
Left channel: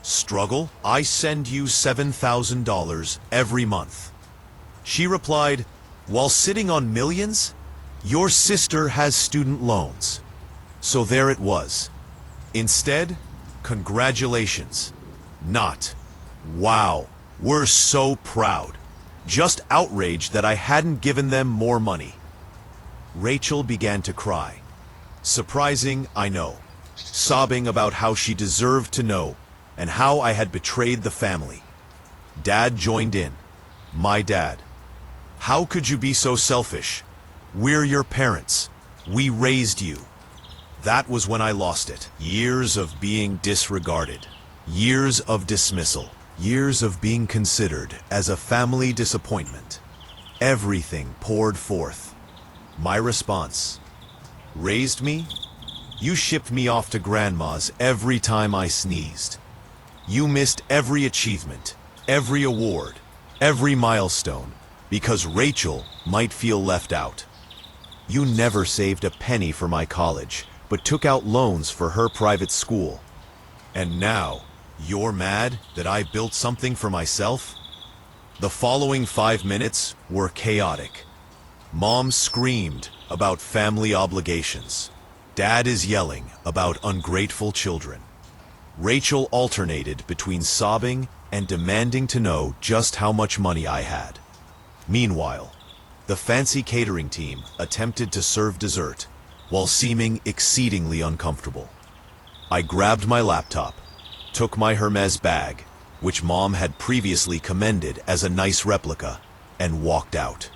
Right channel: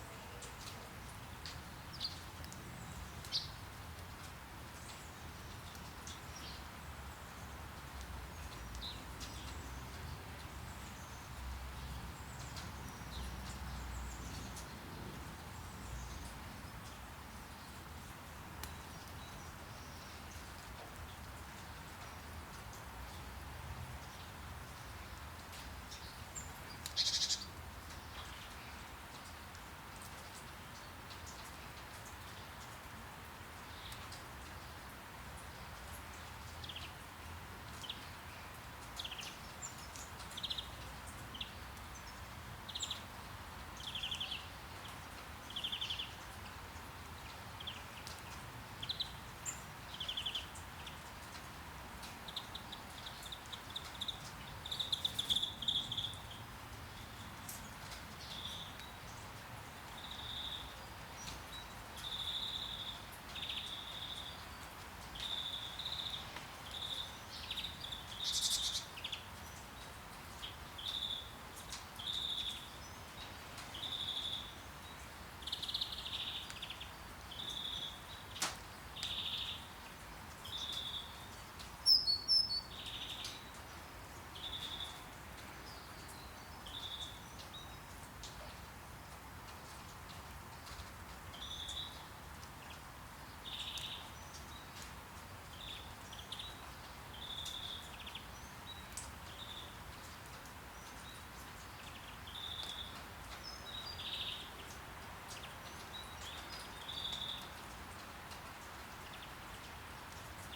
"Struggle? I send you $7,000 every month." She replied, "While sitting on millions? Your sister has student loans." So there it was. Instead, congratulations. Not, "Wow, we're so proud." Just outraged that I hadn't given them more money. Rachel began to cry. Surprising, I know. Sobbing about how she deserved to know and how I had betrayed the family. Dad joined in. My dad. "How could you be so selfish? We're your parents. We raised you." That was when I lost it. Years of being disregarded. Years of dismissal. Years of being considered as a family disappointment. Everything poured forth. My response. Raised me? You shipped me off to grandma's every time I sneezed. You missed every achievement, every award, every milestone, because Rachel might feel left out. You never saved a penny for my college, but took out loans for her private school. And now, you're mad that I built something for myself? The following 5 minutes were chaotic. Mom screamed about family obligations. Dad is yelling about ungrateful children. Rachel alternated between sobbing and demanding to know just how much money I had. Meanwhile, the fancy catering team attempted to serve dessert while seeming exceedingly uncomfortable. I grabbed my laptop, took my Hermes bag, which Mom had previously commended as a nice replica, and walked out.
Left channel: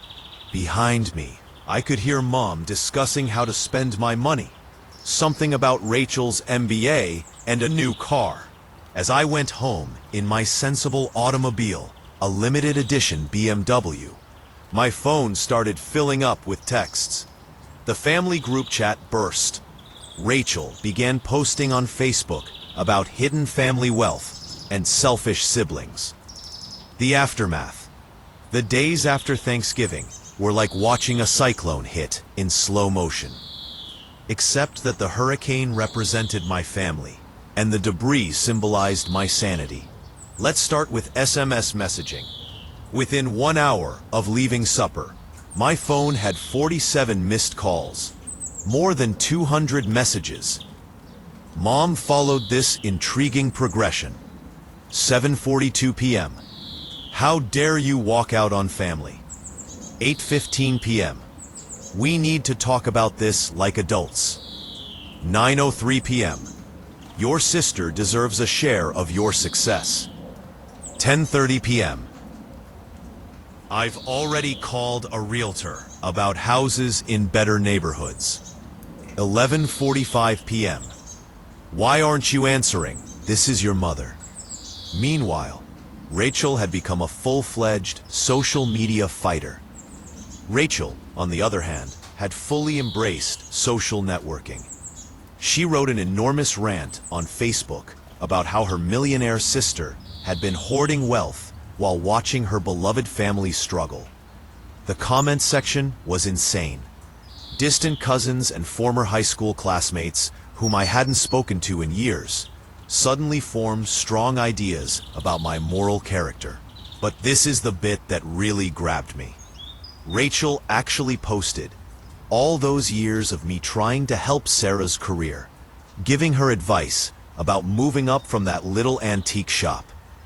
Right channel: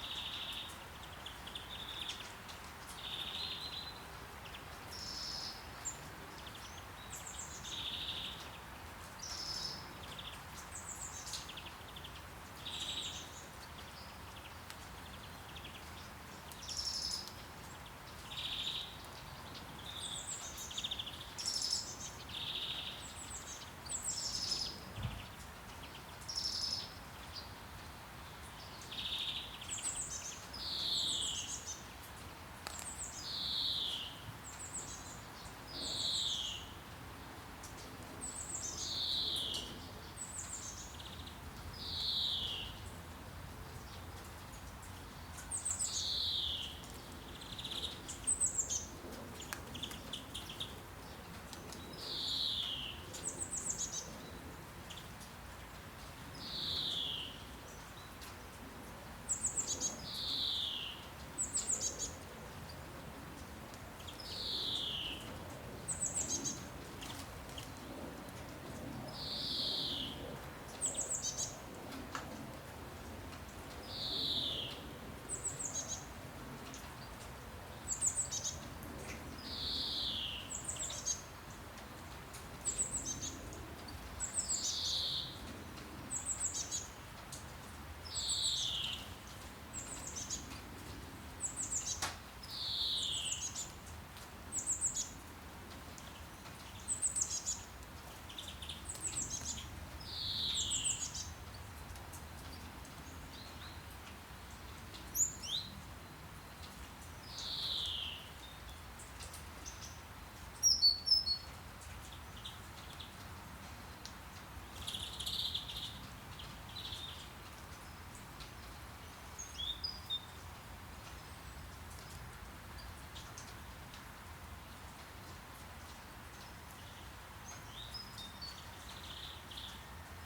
Behind me, I could hear Mom discussing how to spend my money. Something about Rachel's MBA and a new car. As I went home in my sensible automobile, a limited edition BMW, my phone started filling up with texts. The family group chat burst. Rachel began posting on Facebook about hidden family wealth and selfish siblings. The aftermath. The days after Thanksgiving were like watching a cyclone hit in slow motion. Except that the hurricane represented my family, and the debris symbolized my sanity. Let's start with SMS messaging. Within 1 hour of leaving supper, my phone had 47 missed calls, more than 200 messages. Mom followed this intriguing progression. 7:42 p.m. How dare you walk out on family? 8:15 p.m. We need to talk about this like adults. 9:03 p.m. Your sister deserves a share of your success. 10:30 p.m. I've already called a realtor about houses in better neighborhoods. 11:45 p.m. Why aren't you answering? This is your mother. Meanwhile, Rachel had become a full-fledged social media fighter. Rachel, on the other hand, had fully embraced social networking. She wrote an enormous rant on Facebook about how her millionaire sister had been hoarding wealth while watching her beloved family struggle. The comment section was insane. Distant cousins and former high school classmates, whom I hadn't spoken to in years, suddenly formed strong ideas about my moral character. But this is the bit that really grabbed me. Rachel actually posted all those years of me trying to help Sarah's career, giving her advice about moving up from that little antique shop,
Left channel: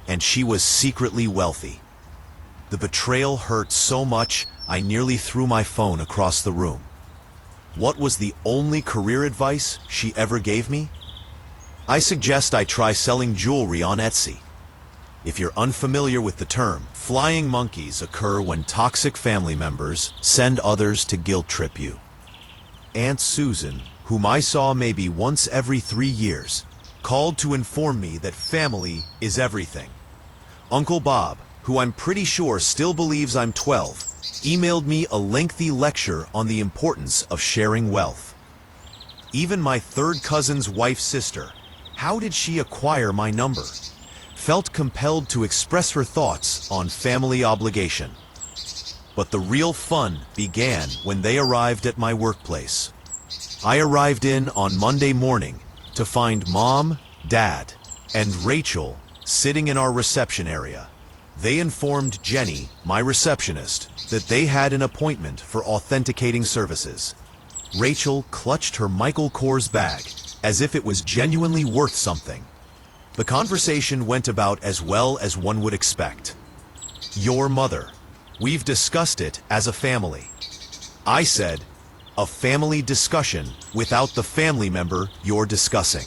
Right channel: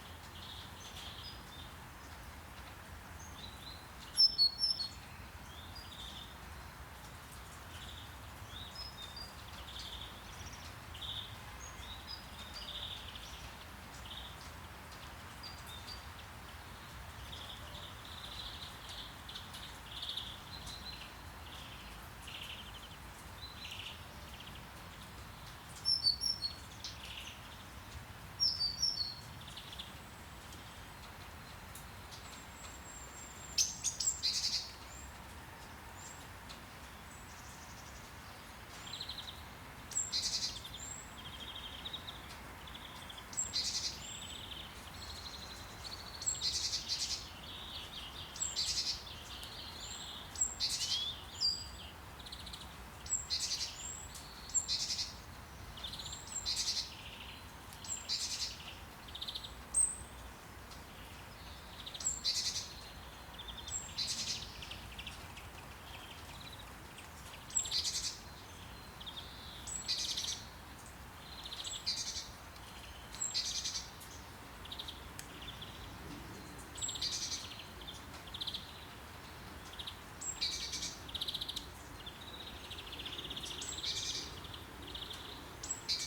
and she was secretly wealthy. The betrayal hurt so much, I nearly threw my phone across the room. What was the only career advice she ever gave me? I suggest I try selling jewelry on Etsy. If you're unfamiliar with the term, flying monkeys occur when toxic family members send others to guilt trip you. Aunt Susan, whom I saw maybe once every 3 years, called to inform me that family is everything. Uncle Bob, who I'm pretty sure still believes I'm 12, emailed me a lengthy lecture on the importance of sharing wealth. Even my third cousin's wife's sister, how did she acquire my number? Felt compelled to express her thoughts on family obligation. But the real fun began when they arrived at my workplace. I arrived in on Monday morning to find Mom, Dad, and Rachel sitting in our reception area. They informed Jenny, my receptionist, that they had an appointment for authenticating services. Rachel clutched her Michael Kors bag as if it was genuinely worth something. The conversation went about as well as one would expect. Your mother. We've discussed it as a family. I said, a family discussion without the family member you're discussing.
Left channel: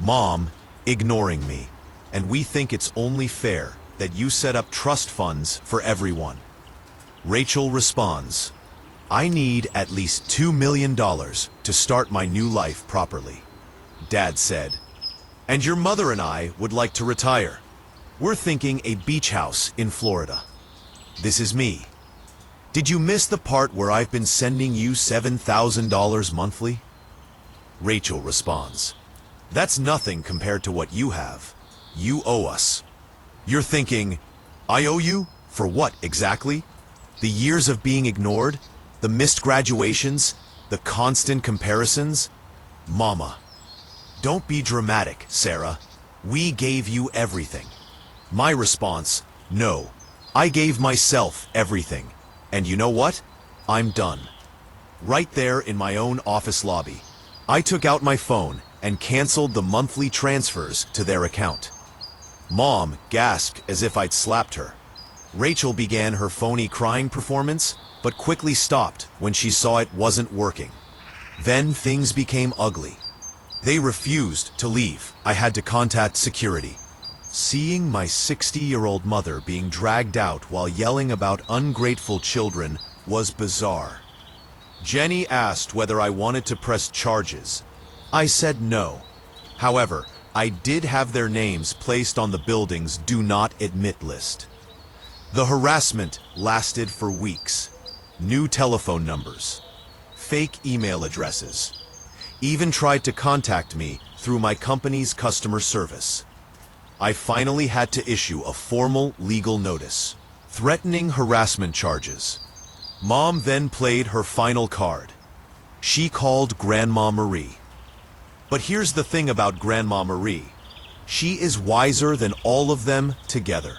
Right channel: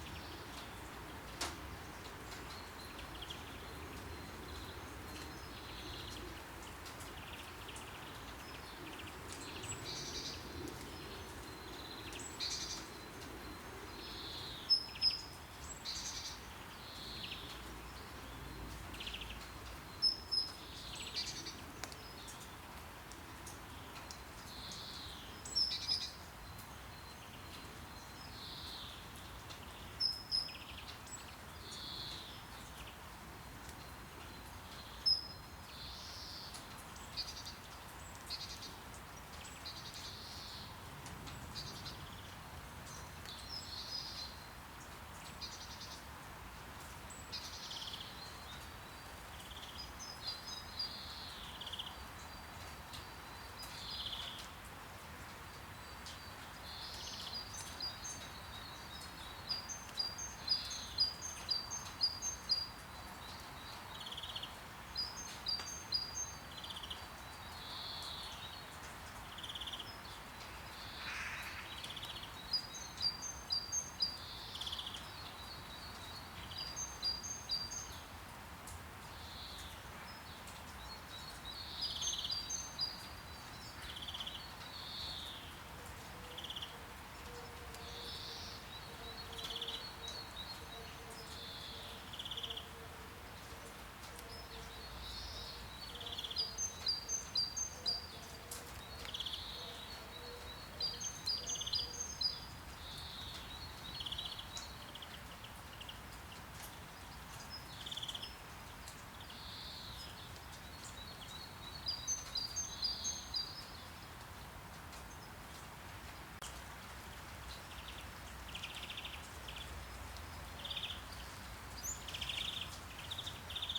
Mom, ignoring me, and we think it's only fair that you set up trust funds for everyone. Rachel responds, I need at least $2 million to start my new life properly. Dad said, and your mother and I would like to retire. We're thinking a beach house in Florida. This is me. Did you miss the part where I've been sending you $7,000 monthly? Rachel responds, that's nothing compared to what you have. You owe us. You're thinking, I owe you? For what exactly? The years of being ignored? The missed graduations? The constant comparisons? Mama. Don't be dramatic, Sarah. We gave you everything. My response, no. I gave myself everything. And you know what? I'm done. Right there in my own office lobby, I took out my phone and canceled the monthly transfers to their account. Mom gasped as if I'd slapped her. Rachel began her phony crying performance, but quickly stopped when she saw it wasn't working. Then things became ugly. They refused to leave. I had to contact security. Seeing my 60-year-old mother being dragged out while yelling about ungrateful children was bizarre. Jenny asked whether I wanted to press charges. I said no. However, I did have their names placed on the building's Do Not Admit list. The harassment lasted for weeks. New telephone numbers, fake email addresses, even tried to contact me through my company's customer service. I finally had to issue a formal legal notice, threatening harassment charges. Mom then played her final card. She called Grandma Marie. But here's the thing about Grandma Marie. She is wiser than all of them together.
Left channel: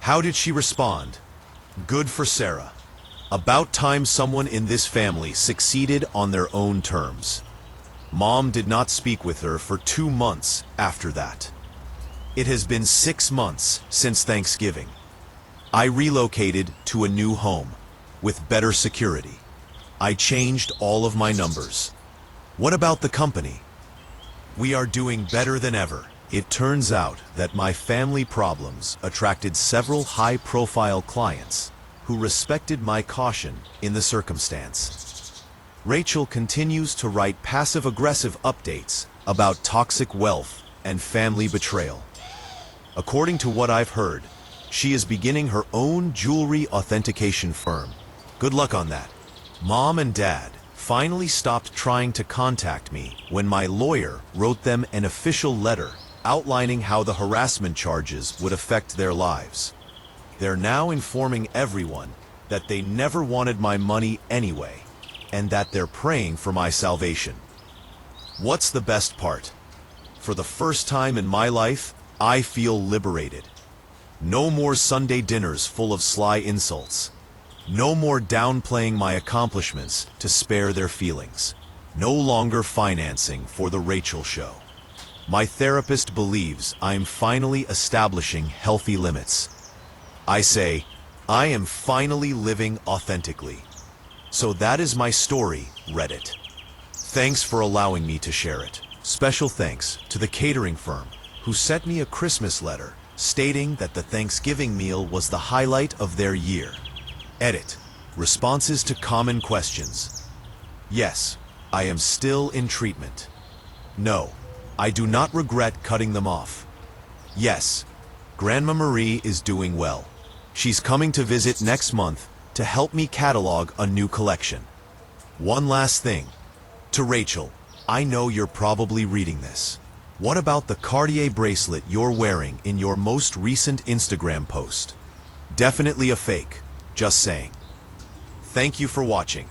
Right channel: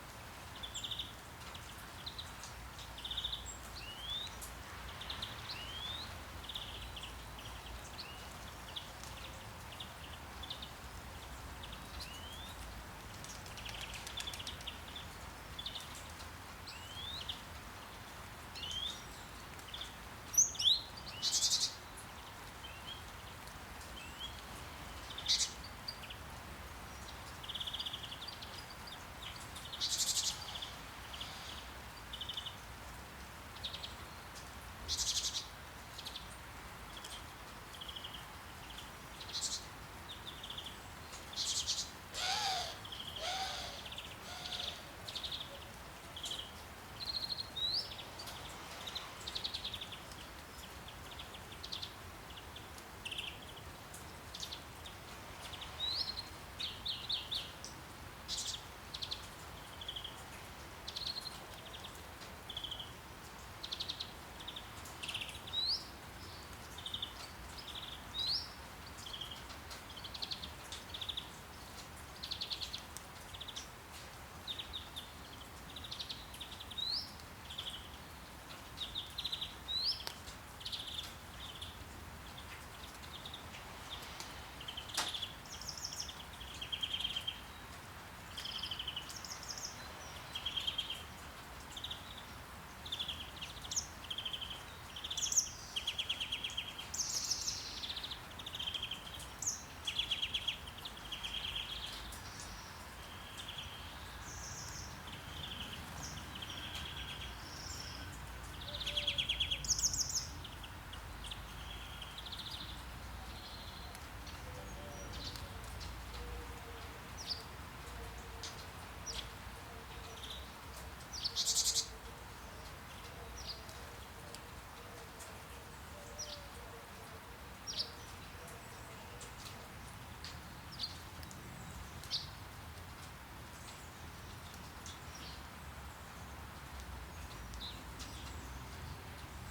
How did she respond? Good for Sarah. About time someone in this family succeeded on their own terms. Mom did not speak with her for 2 months after that. It has been 6 months since Thanksgiving. I relocated to a new home with better security. I changed all of my numbers. What about the company? We are doing better than ever. It turns out that my family problems attracted several high-profile clients who respected my caution in the circumstance. Rachel continues to write passive-aggressive updates about toxic wealth and family betrayal. According to what I've heard, she is beginning her own jewelry authentication firm. Good luck on that. Mom and Dad finally stopped trying to contact me when my lawyer wrote them an official letter outlining how the harassment charges would affect their lives. They're now informing everyone that they never wanted my money anyway, and that they're praying for my salvation. What's the best part? For the first time in my life, I feel liberated. No more Sunday dinners full of sly insults. No more downplaying my accomplishments to spare their feelings. No longer financing for the Rachel Show. My therapist believes I'm finally establishing healthy limits. I say, I am finally living authentically. So that is my story, Reddit. Thanks for allowing me to share it. Special thanks to the catering firm who sent me a Christmas letter stating that the Thanksgiving meal was the highlight of their year. Edit. Responses to common questions. Yes, I am still in treatment. No, I do not regret cutting them off. Yes, Grandma Marie is doing well. She's coming to visit next month to help me catalog a new collection. One last thing. To Rachel, I know you're probably reading this. What about the Cartier bracelet you're wearing in your most recent Instagram post? Definitely a fake, just saying. Thank you for watching.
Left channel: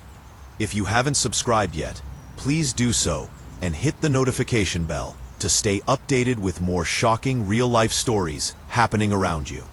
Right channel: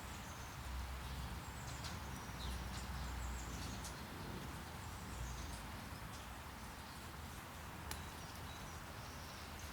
If you haven't subscribed yet, please do so and hit the notification bell to stay updated with more shocking real-life stories happening around you.